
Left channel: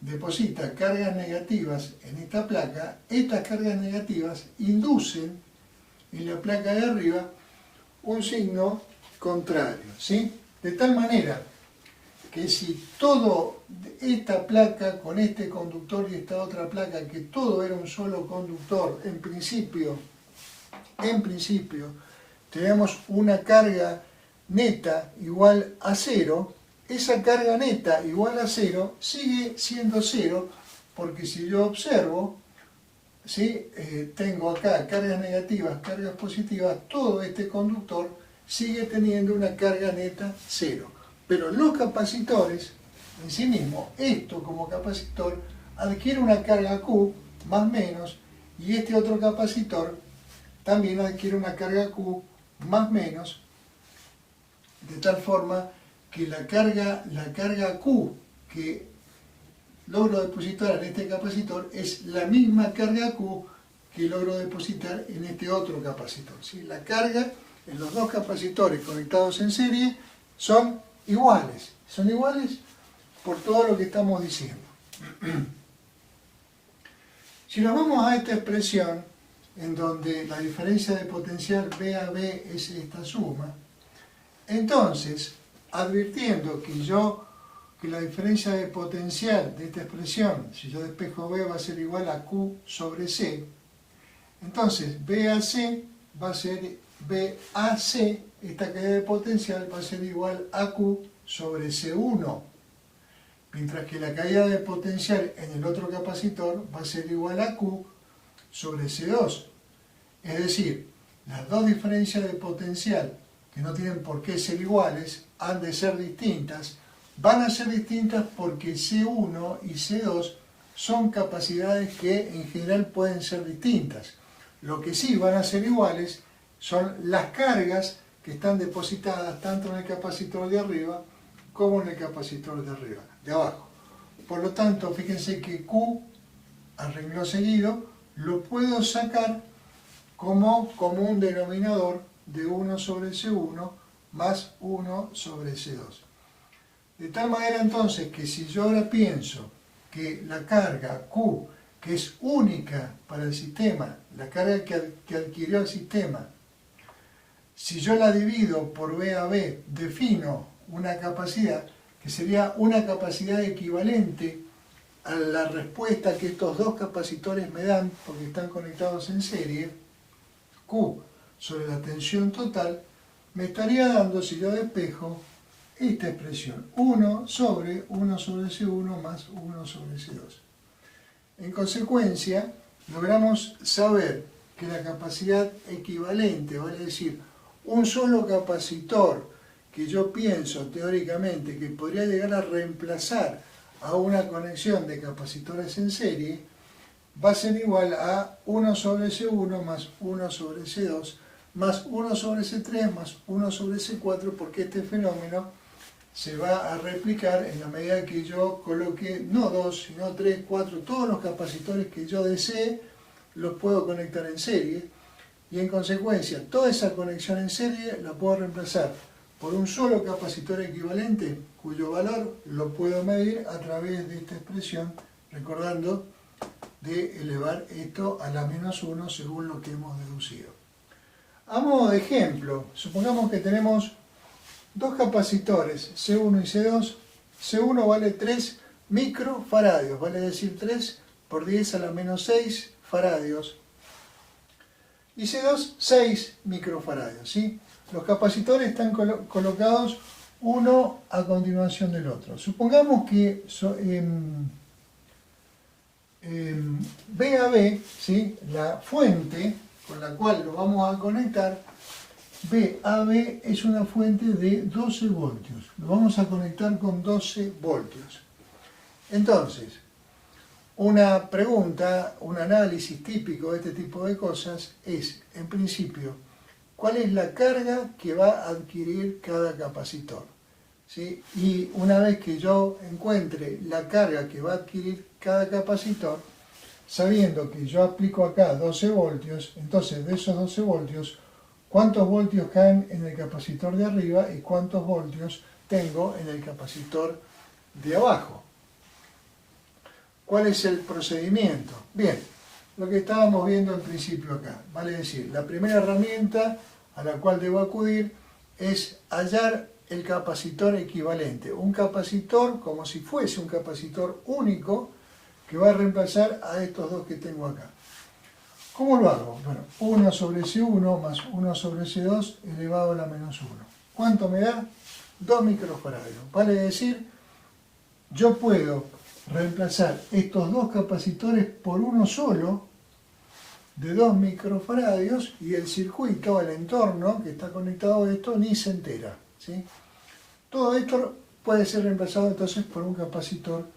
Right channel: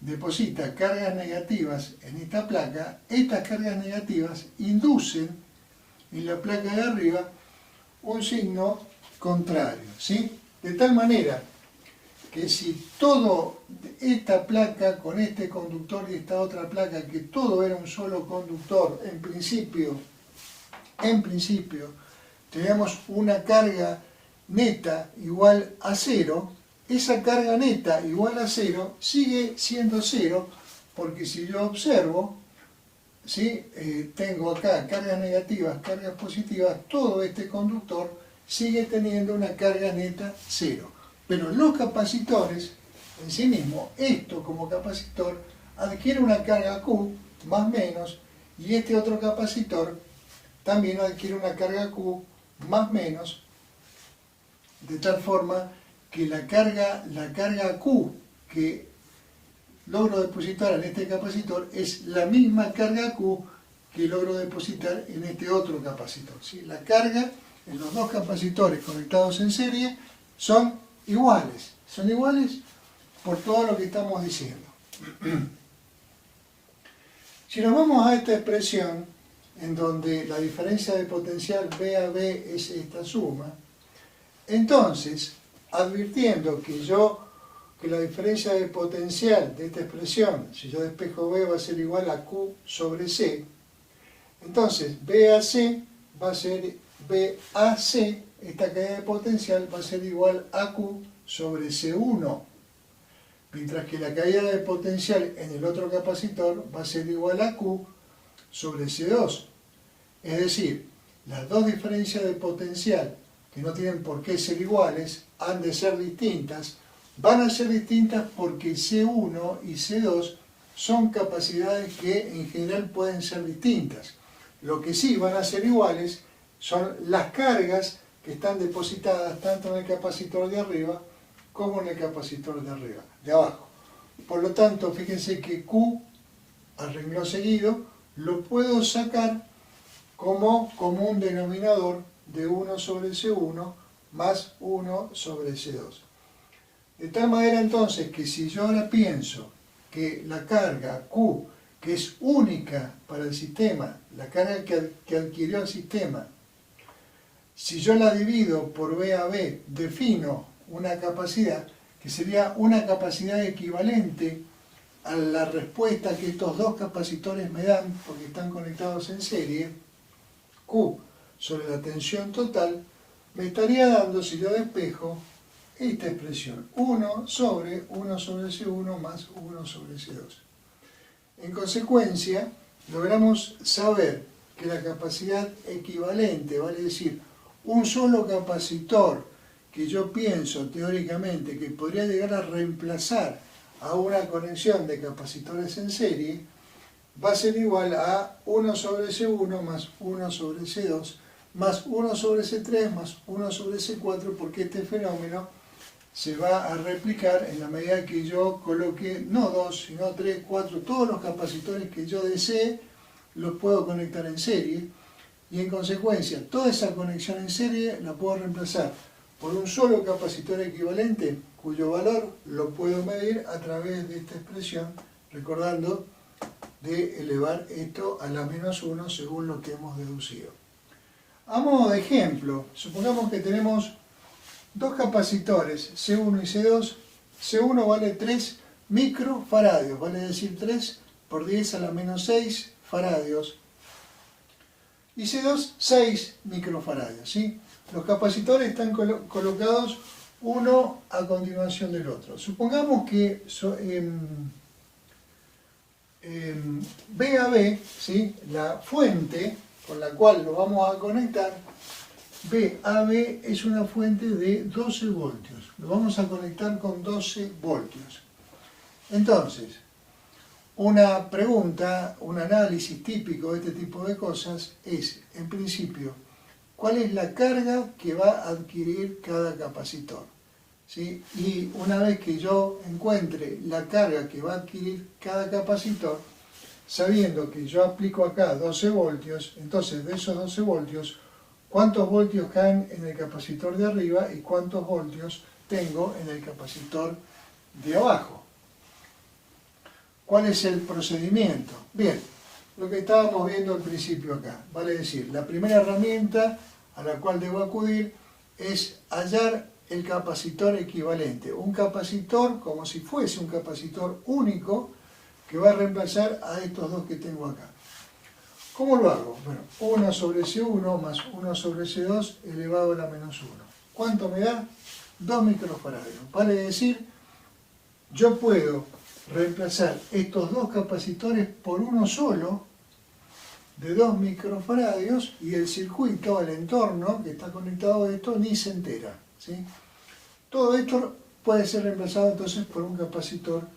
deposita cargas negativas en esta placa, estas cargas negativas inducen en la placa de arriba un signo contrario, ¿sí? De tal manera que si todo esta placa con este conductor y esta otra placa, que todo era un solo conductor, en principio tenemos una carga neta igual a cero, esa carga neta igual a cero sigue siendo cero, porque si yo observo, ¿sí? Tengo acá cargas negativas, cargas positivas, todo este conductor sigue teniendo una carga neta cero. Pero los capacitores en sí mismos, esto como capacitor, adquiere una carga Q más menos, y este otro capacitor también adquiere una carga Q más menos, de tal forma que la carga Q que logro depositar en este capacitor es la misma carga Q que logro depositar en este otro capacitor, ¿sí? La carga en los dos capacitores conectados en serie son iguales por todo lo que estamos diciendo. Si nos vamos a esta expresión, en donde la diferencia de potencial V a V es esta suma, entonces, advirtiendo que la diferencia de potencial de esta expresión, si yo despejo V, va a ser igual a Q sobre C, entonces VAC va a ser VAC, esta caída de potencial va a ser igual a Q sobre C1, mientras que la caída de potencial en el otro capacitor va a ser igual a Q sobre C2. Es decir, las dos diferencias de potencial, que no tienen por qué ser iguales, han de ser distintas. Van a ser distintas porque C1 y C2 son capacidades que en general pueden ser distintas. Lo que sí van a ser iguales son las cargas que están depositadas tanto en el capacitor de arriba como en el capacitor de abajo. Por lo tanto, fíjense que Q, al renglón seguido, lo puedo sacar como común denominador de 1 sobre C1 más 1 sobre C2. De tal manera entonces que si yo ahora pienso que la carga Q, que es única para el sistema, la carga que adquirió el sistema, si yo la divido por V a V, defino una capacidad que sería una capacidad equivalente a la respuesta que estos dos capacitores me dan, porque están conectados en serie, Q sobre la tensión total, me estaría dando, si yo despejo, esta expresión, 1 sobre C1 más 1 sobre C2. En consecuencia, logramos saber que la capacidad equivalente, vale decir, un solo capacitor que yo pienso teóricamente que podría llegar a reemplazar a una conexión de capacitores en serie, va a ser igual a 1 sobre C1 más 1 sobre C2 más 1 sobre C3 más 1 sobre C4, porque este fenómeno se va a replicar en la medida que yo coloque no 2, sino 3, 4, todos los capacitores que yo desee los puedo conectar en serie, y en consecuencia toda esa conexión en serie la puedo reemplazar por un solo capacitor equivalente cuyo valor lo puedo medir a través de esta expresión, recordando de elevar esto a la menos 1 según lo que hemos deducido. A modo de ejemplo, supongamos que tenemos dos capacitores, C1 y C2. C1 vale 3 microfaradios, vale decir 3 por 10 a la menos 6 faradios. Y C2, 6 microfaradios, ¿sí? Los capacitores están colocados uno a continuación del otro. Supongamos que V a V, ¿sí? La fuente con la cual lo vamos a conectar, V a V es una fuente de 12 voltios. Lo vamos a conectar con 12 voltios. Entonces, una pregunta, un análisis típico de este tipo de cosas es, en principio, ¿cuál es la carga que va a adquirir cada capacitor? ¿Sí? Y una vez que yo encuentre la carga que va a adquirir cada capacitor, sabiendo que yo aplico acá 12 voltios, entonces de esos 12 voltios, ¿cuántos voltios caen en el capacitor de arriba y cuántos voltios tengo en el capacitor de abajo? ¿Cuál es el procedimiento? Bien, lo que estábamos viendo al principio acá, vale decir, la primera herramienta a la cual debo acudir es hallar el capacitor equivalente, un capacitor como si fuese un capacitor único que va a reemplazar a estos dos que tengo acá. ¿Cómo lo hago? Bueno, 1 sobre C1 más 1 sobre C2 elevado a la menos 1. ¿Cuánto me da? 2 microfaradios. Vale decir, yo puedo reemplazar estos dos capacitores por uno solo de 2 microfaradios y el circuito, el entorno que está conectado a esto, ni se entera, ¿sí? Todo esto puede ser reemplazado entonces por un capacitor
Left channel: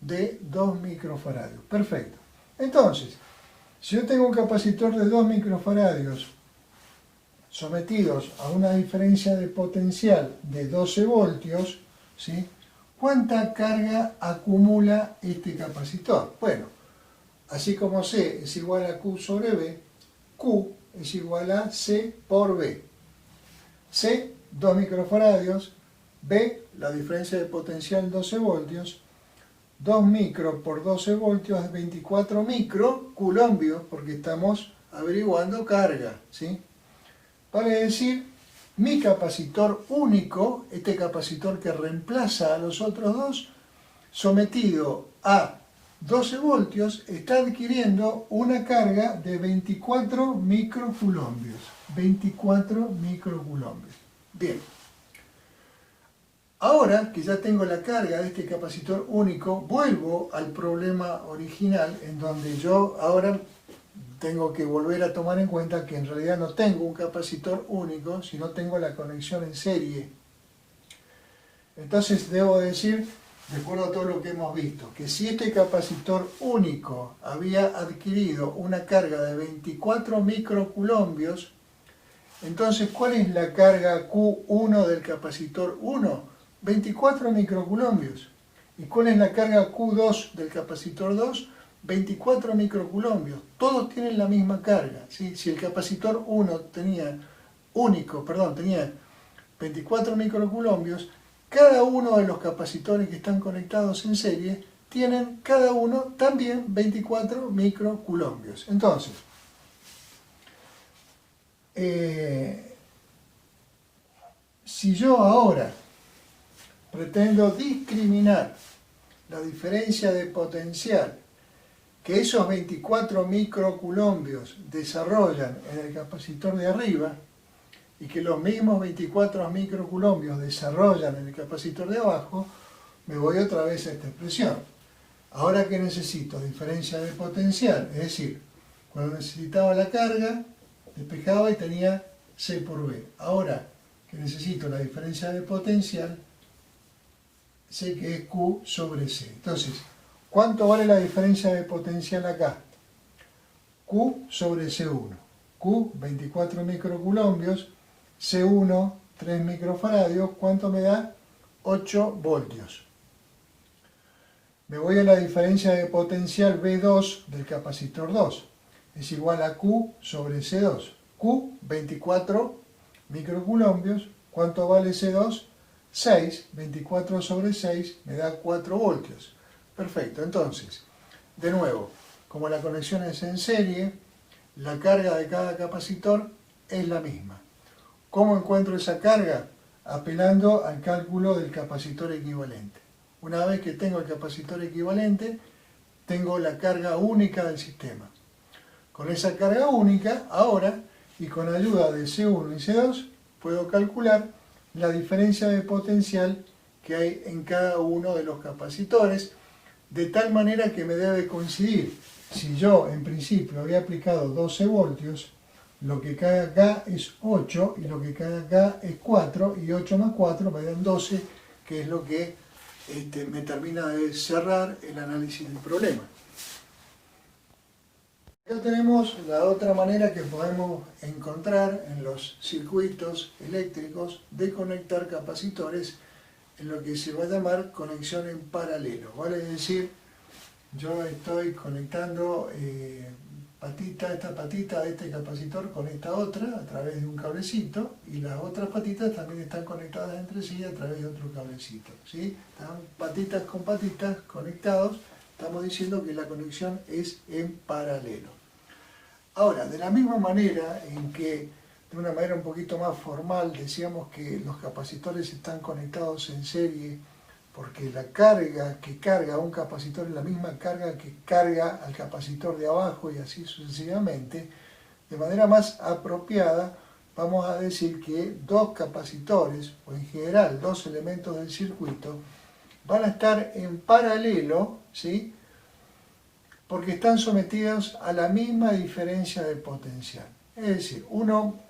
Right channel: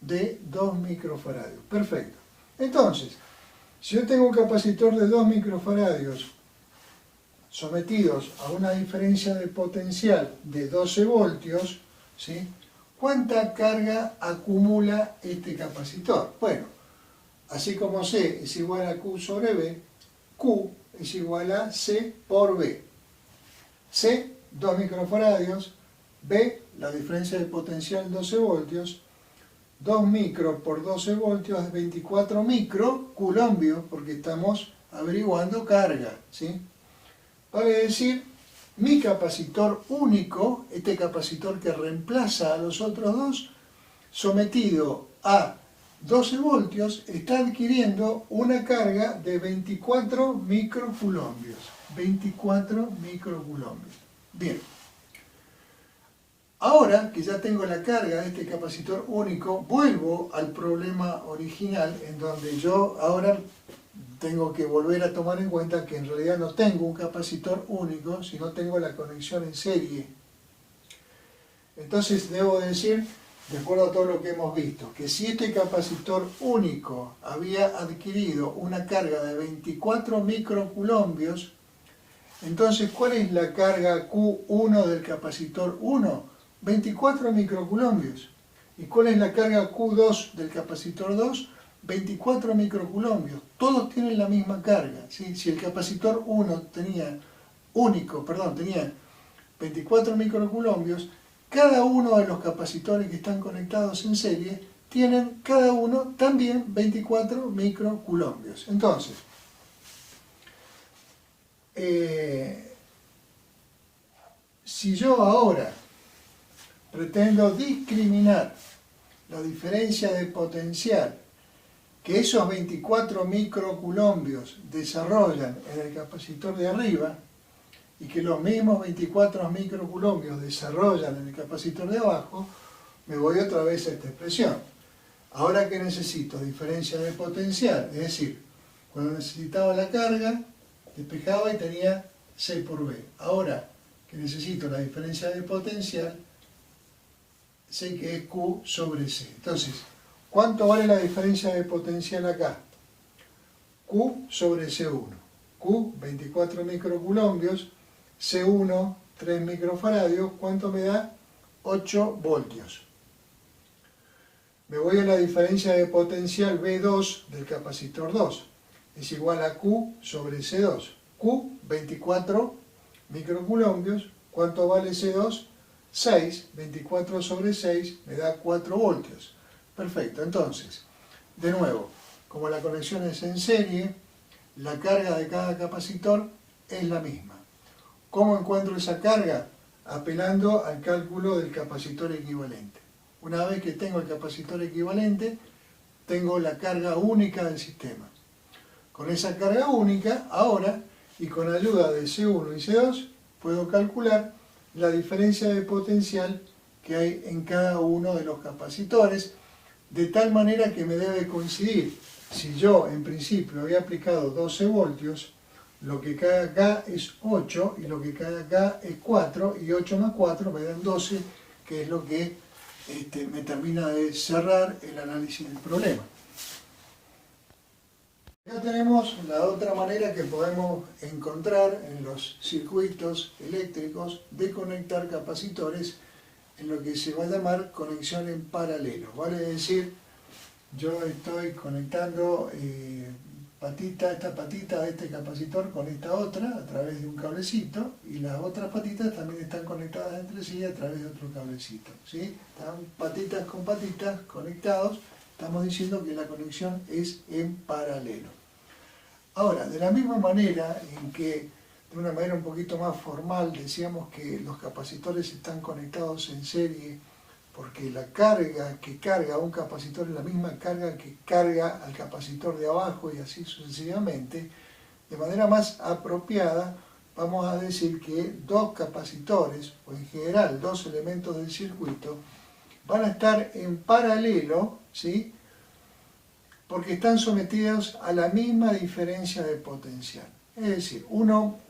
de 2 microfaradios. Perfecto. Entonces, si yo tengo un capacitor de 2 microfaradios sometidos a una diferencia de potencial de 12 voltios, ¿sí? ¿Cuánta carga acumula este capacitor? Bueno, así como C es igual a Q sobre B, Q es igual a C por B. C, 2 microfaradios, B, la diferencia de potencial 12 voltios, 2 micro por 12 voltios es 24 microcoulombios, porque estamos averiguando carga, ¿sí? Vale decir, mi capacitor único, este capacitor que reemplaza a los otros dos, sometido a 12 voltios, está adquiriendo una carga de 24 microcoulombios. 24 microcoulombios. Bien. Ahora que ya tengo la carga de este capacitor único, vuelvo al problema original, en donde yo ahora tengo que volver a tomar en cuenta que en realidad no tengo un capacitor único, sino tengo la conexión en serie. Entonces debo decir, de acuerdo a todo lo que hemos visto, que si este capacitor único había adquirido una carga de 24 microcoulombios, entonces ¿cuál es la carga Q1 del capacitor 1? 24 microcoulombios. ¿Y cuál es la carga Q2 del capacitor 2? 24 microcoulombios. Todos tienen la misma carga, ¿sí? Si el capacitor 1 tenía 24 microcoulombios, cada uno de los capacitores que están conectados en serie tienen cada uno también 24 microcoulombios. Entonces, si yo ahora pretendo discriminar la diferencia de potencial que esos 24 microcoulombios desarrollan en el capacitor de arriba y que los mismos 24 microcoulombios desarrollan en el capacitor de abajo, me voy otra vez a esta expresión. Ahora que necesito diferencia de potencial, es decir, cuando necesitaba la carga, despejaba y tenía C por B. Ahora que necesito la diferencia de potencial, sé que es Q sobre C. Entonces, ¿cuánto vale la diferencia de potencial acá? Q sobre C1. Q, 24 microcoulombios, C1, 3 microfaradios, ¿cuánto me da? 8 voltios. Me voy a la diferencia de potencial V2 del capacitor 2. Es igual a Q sobre C2. Q, 24 microcoulombios, ¿cuánto vale C2? 6, 24 sobre 6 me da 4 voltios. Perfecto, entonces, de nuevo, como la conexión es en serie, la carga de cada capacitor es la misma. ¿Cómo encuentro esa carga? Apelando al cálculo del capacitor equivalente. Una vez que tengo el capacitor equivalente, tengo la carga única del sistema. Con esa carga única, ahora, y con ayuda de C1 y C2, puedo calcular la diferencia de potencial que hay en cada uno de los capacitores, de tal manera que me debe coincidir. Si yo en principio había aplicado 12 voltios, lo que cae acá es 8 y lo que cae acá es 4, y 8 más 4 me dan 12, que es lo que me termina de cerrar el análisis del problema. Acá tenemos la otra manera que podemos encontrar en los circuitos eléctricos de conectar capacitores en lo que se va a llamar conexión en paralelo. Vale decir, yo estoy conectando esta patita de este capacitor con esta otra a través de un cablecito, y las otras patitas también están conectadas entre sí a través de otro cablecito, ¿sí? Están patitas con patitas conectados. Estamos diciendo que la conexión es en paralelo. Ahora, de la misma manera en que, de una manera un poquito más formal, decíamos que los capacitores están conectados en serie porque la carga que carga un capacitor es la misma carga que carga al capacitor de abajo y así sucesivamente, de manera más apropiada vamos a decir que dos capacitores, o en general dos elementos del circuito, van a estar en paralelo, ¿sí? Porque están sometidos a la misma diferencia de potencial. Es decir, uno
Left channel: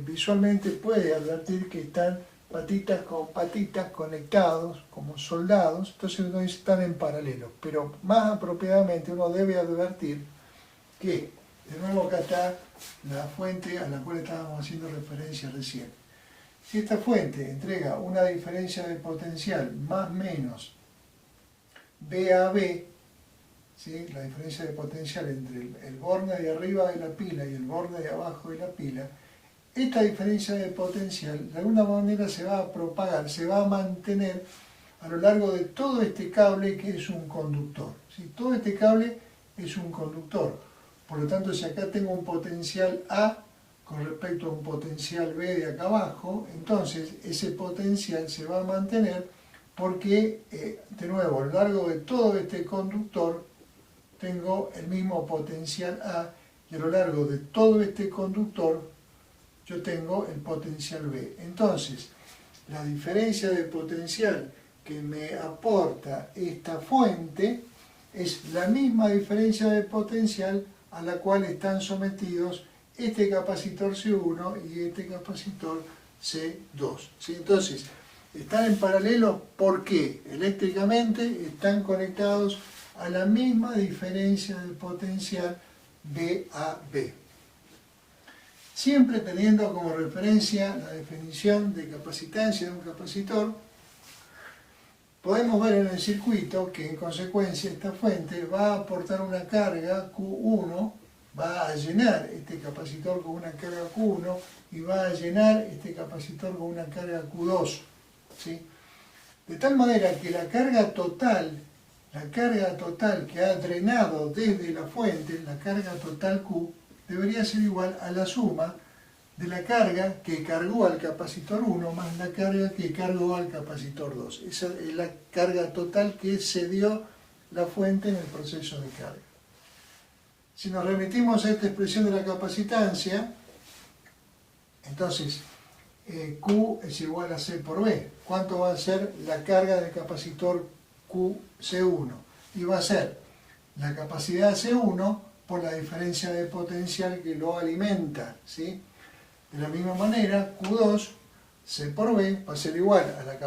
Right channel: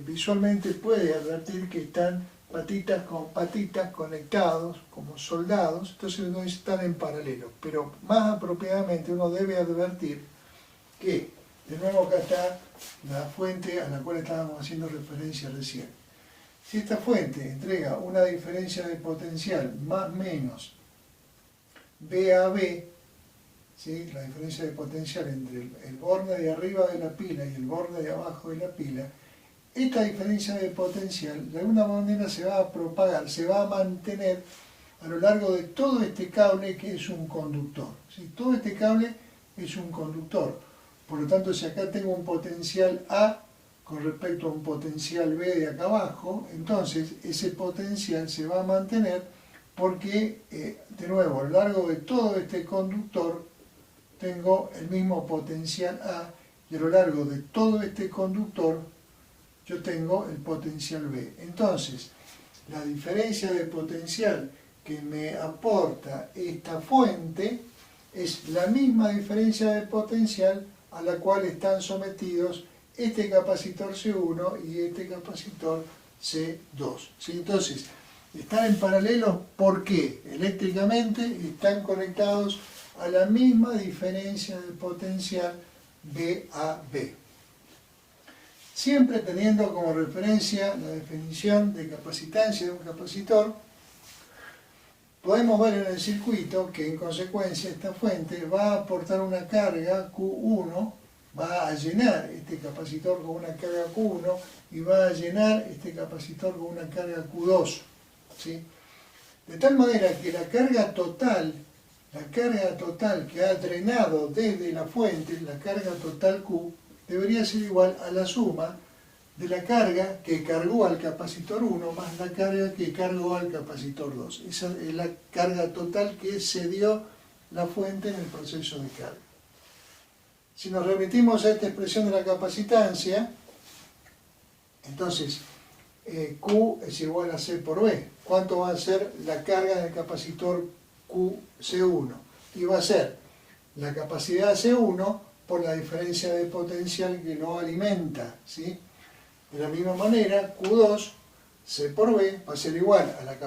visualmente puede advertir que están patitas con patitas conectados como soldados, entonces no están en paralelo, pero más apropiadamente uno debe advertir que De nuevo acá está la fuente a la cual estábamos haciendo referencia recién. Si esta fuente entrega una diferencia de potencial más menos B a B, ¿sí? La diferencia de potencial entre el borde de arriba de la pila y el borde de abajo de la pila, esta diferencia de potencial de alguna manera se va a propagar, se va a mantener a lo largo de todo este cable que es un conductor, ¿sí? Todo este cable es un conductor. Por lo tanto, si acá tengo un potencial A con respecto a un potencial B de acá abajo, entonces ese potencial se va a mantener porque, de nuevo, a lo largo de todo este conductor tengo el mismo potencial A y a lo largo de todo este conductor yo tengo el potencial B. Entonces, la diferencia de potencial que me aporta esta fuente es la misma diferencia de potencial a la cual están sometidos este capacitor C1 y este capacitor C2. ¿Sí? Entonces, están en paralelo porque eléctricamente están conectados a la misma diferencia de potencial B a B. Siempre teniendo como referencia la definición de capacitancia de un capacitor, podemos ver en el circuito que en consecuencia esta fuente va a aportar una carga Q1, va a llenar este capacitor con una carga Q1 y va a llenar este capacitor con una carga Q2. ¿Sí? De tal manera que la carga total que ha drenado desde la fuente, la carga total Q, debería ser igual a la suma de la carga que cargó al capacitor 1 más la carga que cargó al capacitor 2. Esa es la carga total que cedió la fuente en el proceso de carga. Si nos remitimos a esta expresión de la capacitancia, entonces Q es igual a C por B. ¿Cuánto va a ser la carga del capacitor QC1? Y va a ser la capacidad C1 por la diferencia de potencial que lo alimenta, ¿sí? De la misma manera, Q2, C por B, va a ser igual a la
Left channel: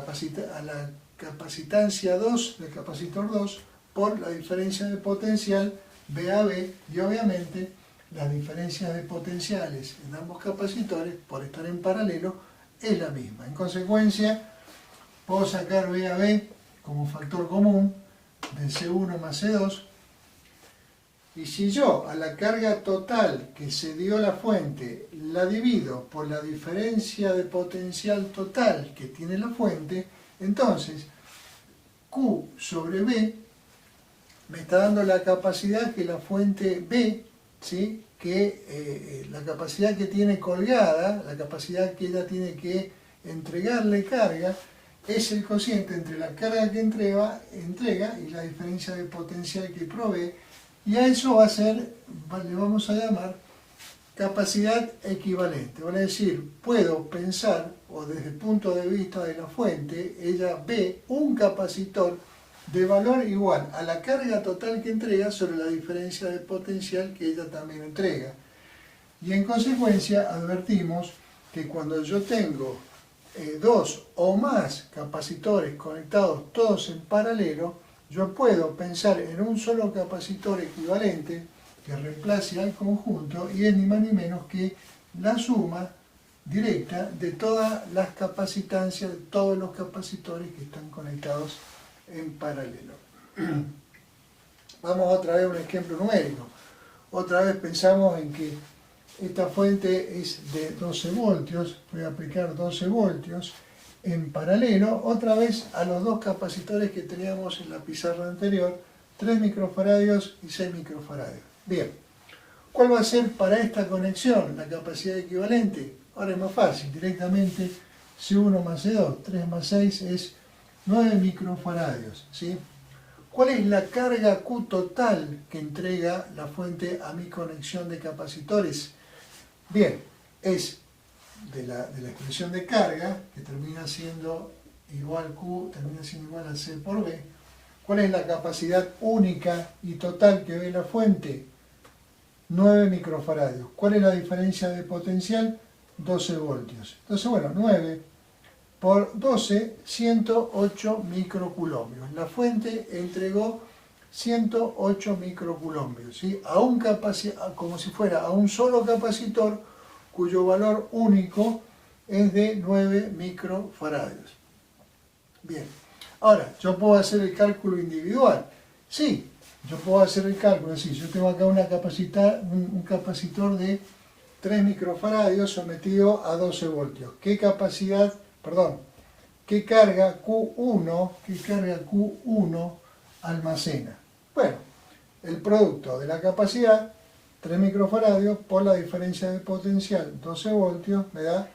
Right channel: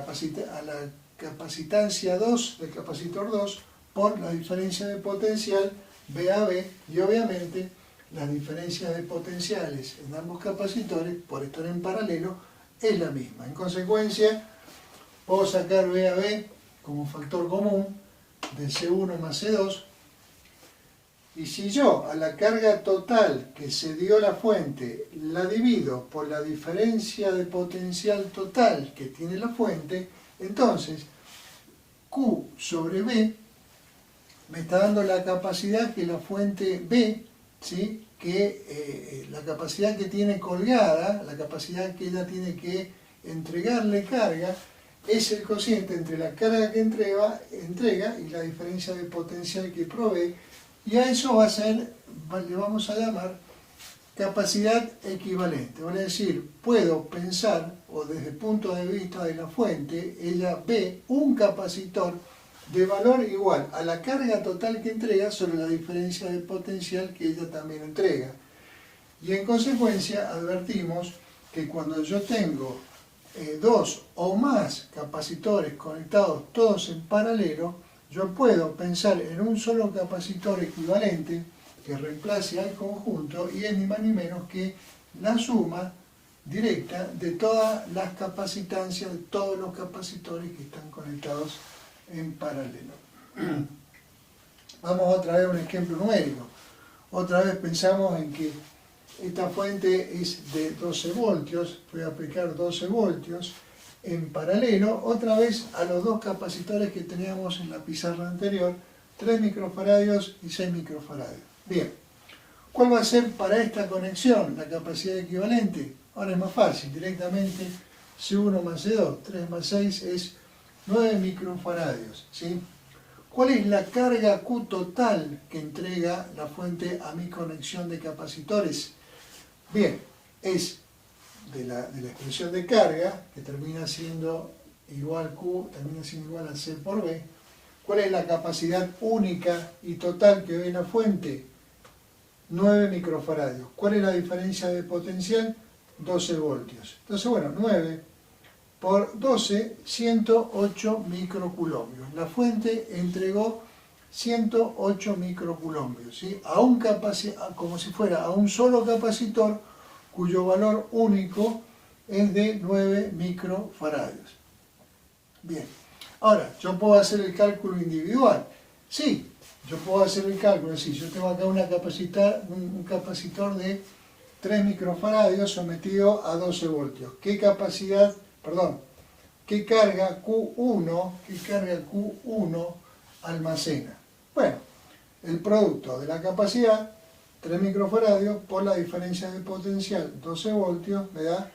capacitancia 2 del capacitor 2 por la diferencia de potencial B a B, y obviamente las diferencias de potenciales en ambos capacitores, por estar en paralelo, es la misma. En consecuencia, puedo sacar B a B como factor común de C1 más C2, y si yo a la carga total que se dio la fuente la divido por la diferencia de potencial total que tiene la fuente, entonces Q sobre B me está dando la capacidad que la fuente B, ¿sí? La capacidad que tiene colgada, la capacidad que ella tiene que entregarle carga, es el cociente entre la carga que entrega y la diferencia de potencial que provee, y a eso va a ser, le vamos a llamar capacidad equivalente. Vale decir, puedo pensar, o desde el punto de vista de la fuente, ella ve un capacitor de valor igual a la carga total que entrega sobre la diferencia de potencial que ella también entrega. Y en consecuencia advertimos que cuando yo tengo dos o más capacitores conectados todos en paralelo, yo puedo pensar en un solo capacitor equivalente que reemplace al conjunto, y es ni más ni menos que la suma directa de todas las capacitancias de todos los capacitores que están conectados en paralelo. Vamos otra vez a un ejemplo numérico. Otra vez pensamos en que esta fuente es de 12 voltios, voy a aplicar 12 voltios en paralelo, otra vez a los dos capacitores que teníamos en la pizarra anterior, 3 microfaradios y 6 microfaradios. Bien, ¿cuál va a ser para esta conexión la capacidad equivalente? Ahora es más fácil, directamente C1 más C2, 3 más 6 es 9 microfaradios, ¿sí? ¿Cuál es la carga Q total que entrega la fuente a mi conexión de capacitores? Bien, es de la expresión de carga, que termina siendo igual Q, termina siendo igual a C por B. ¿Cuál es la capacidad única y total que ve la fuente? 9 microfaradios. ¿Cuál es la diferencia de potencial? 12 voltios. Entonces, bueno, 9 por 12, 108 microculombios. La fuente entregó 108 microcoulombios, ¿sí? Como si fuera a un solo capacitor cuyo valor único es de 9 microfaradios. Bien, ahora, yo puedo hacer el cálculo individual. Sí, yo puedo hacer el cálculo, es decir, yo tengo acá un capacitor de 3 microfaradios sometido a 12 voltios. ¿Qué carga Q1 almacena? Bueno, el producto de la capacidad, 3 microfaradios, por la diferencia de potencial, 12 voltios, me da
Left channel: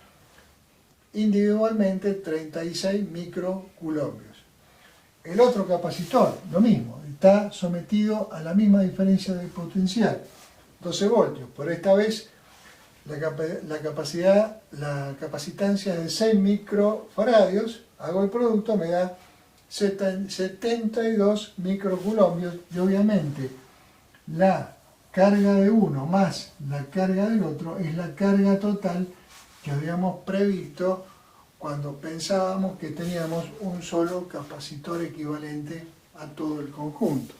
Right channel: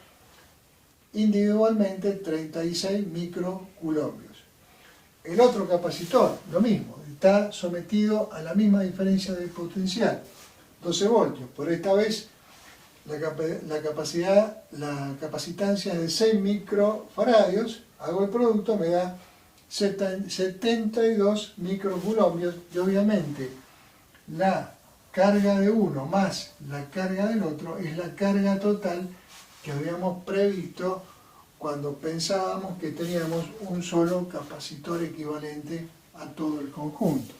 individualmente 36 microcoulombios. El otro capacitor, lo mismo, está sometido a la misma diferencia de potencial, 12 voltios, pero esta vez la capacitancia es de 6 microfaradios, hago el producto, me da 72 microcoulombios, y obviamente la carga de uno más la carga del otro es la carga total que habíamos previsto cuando pensábamos que teníamos un solo capacitor equivalente a todo el conjunto.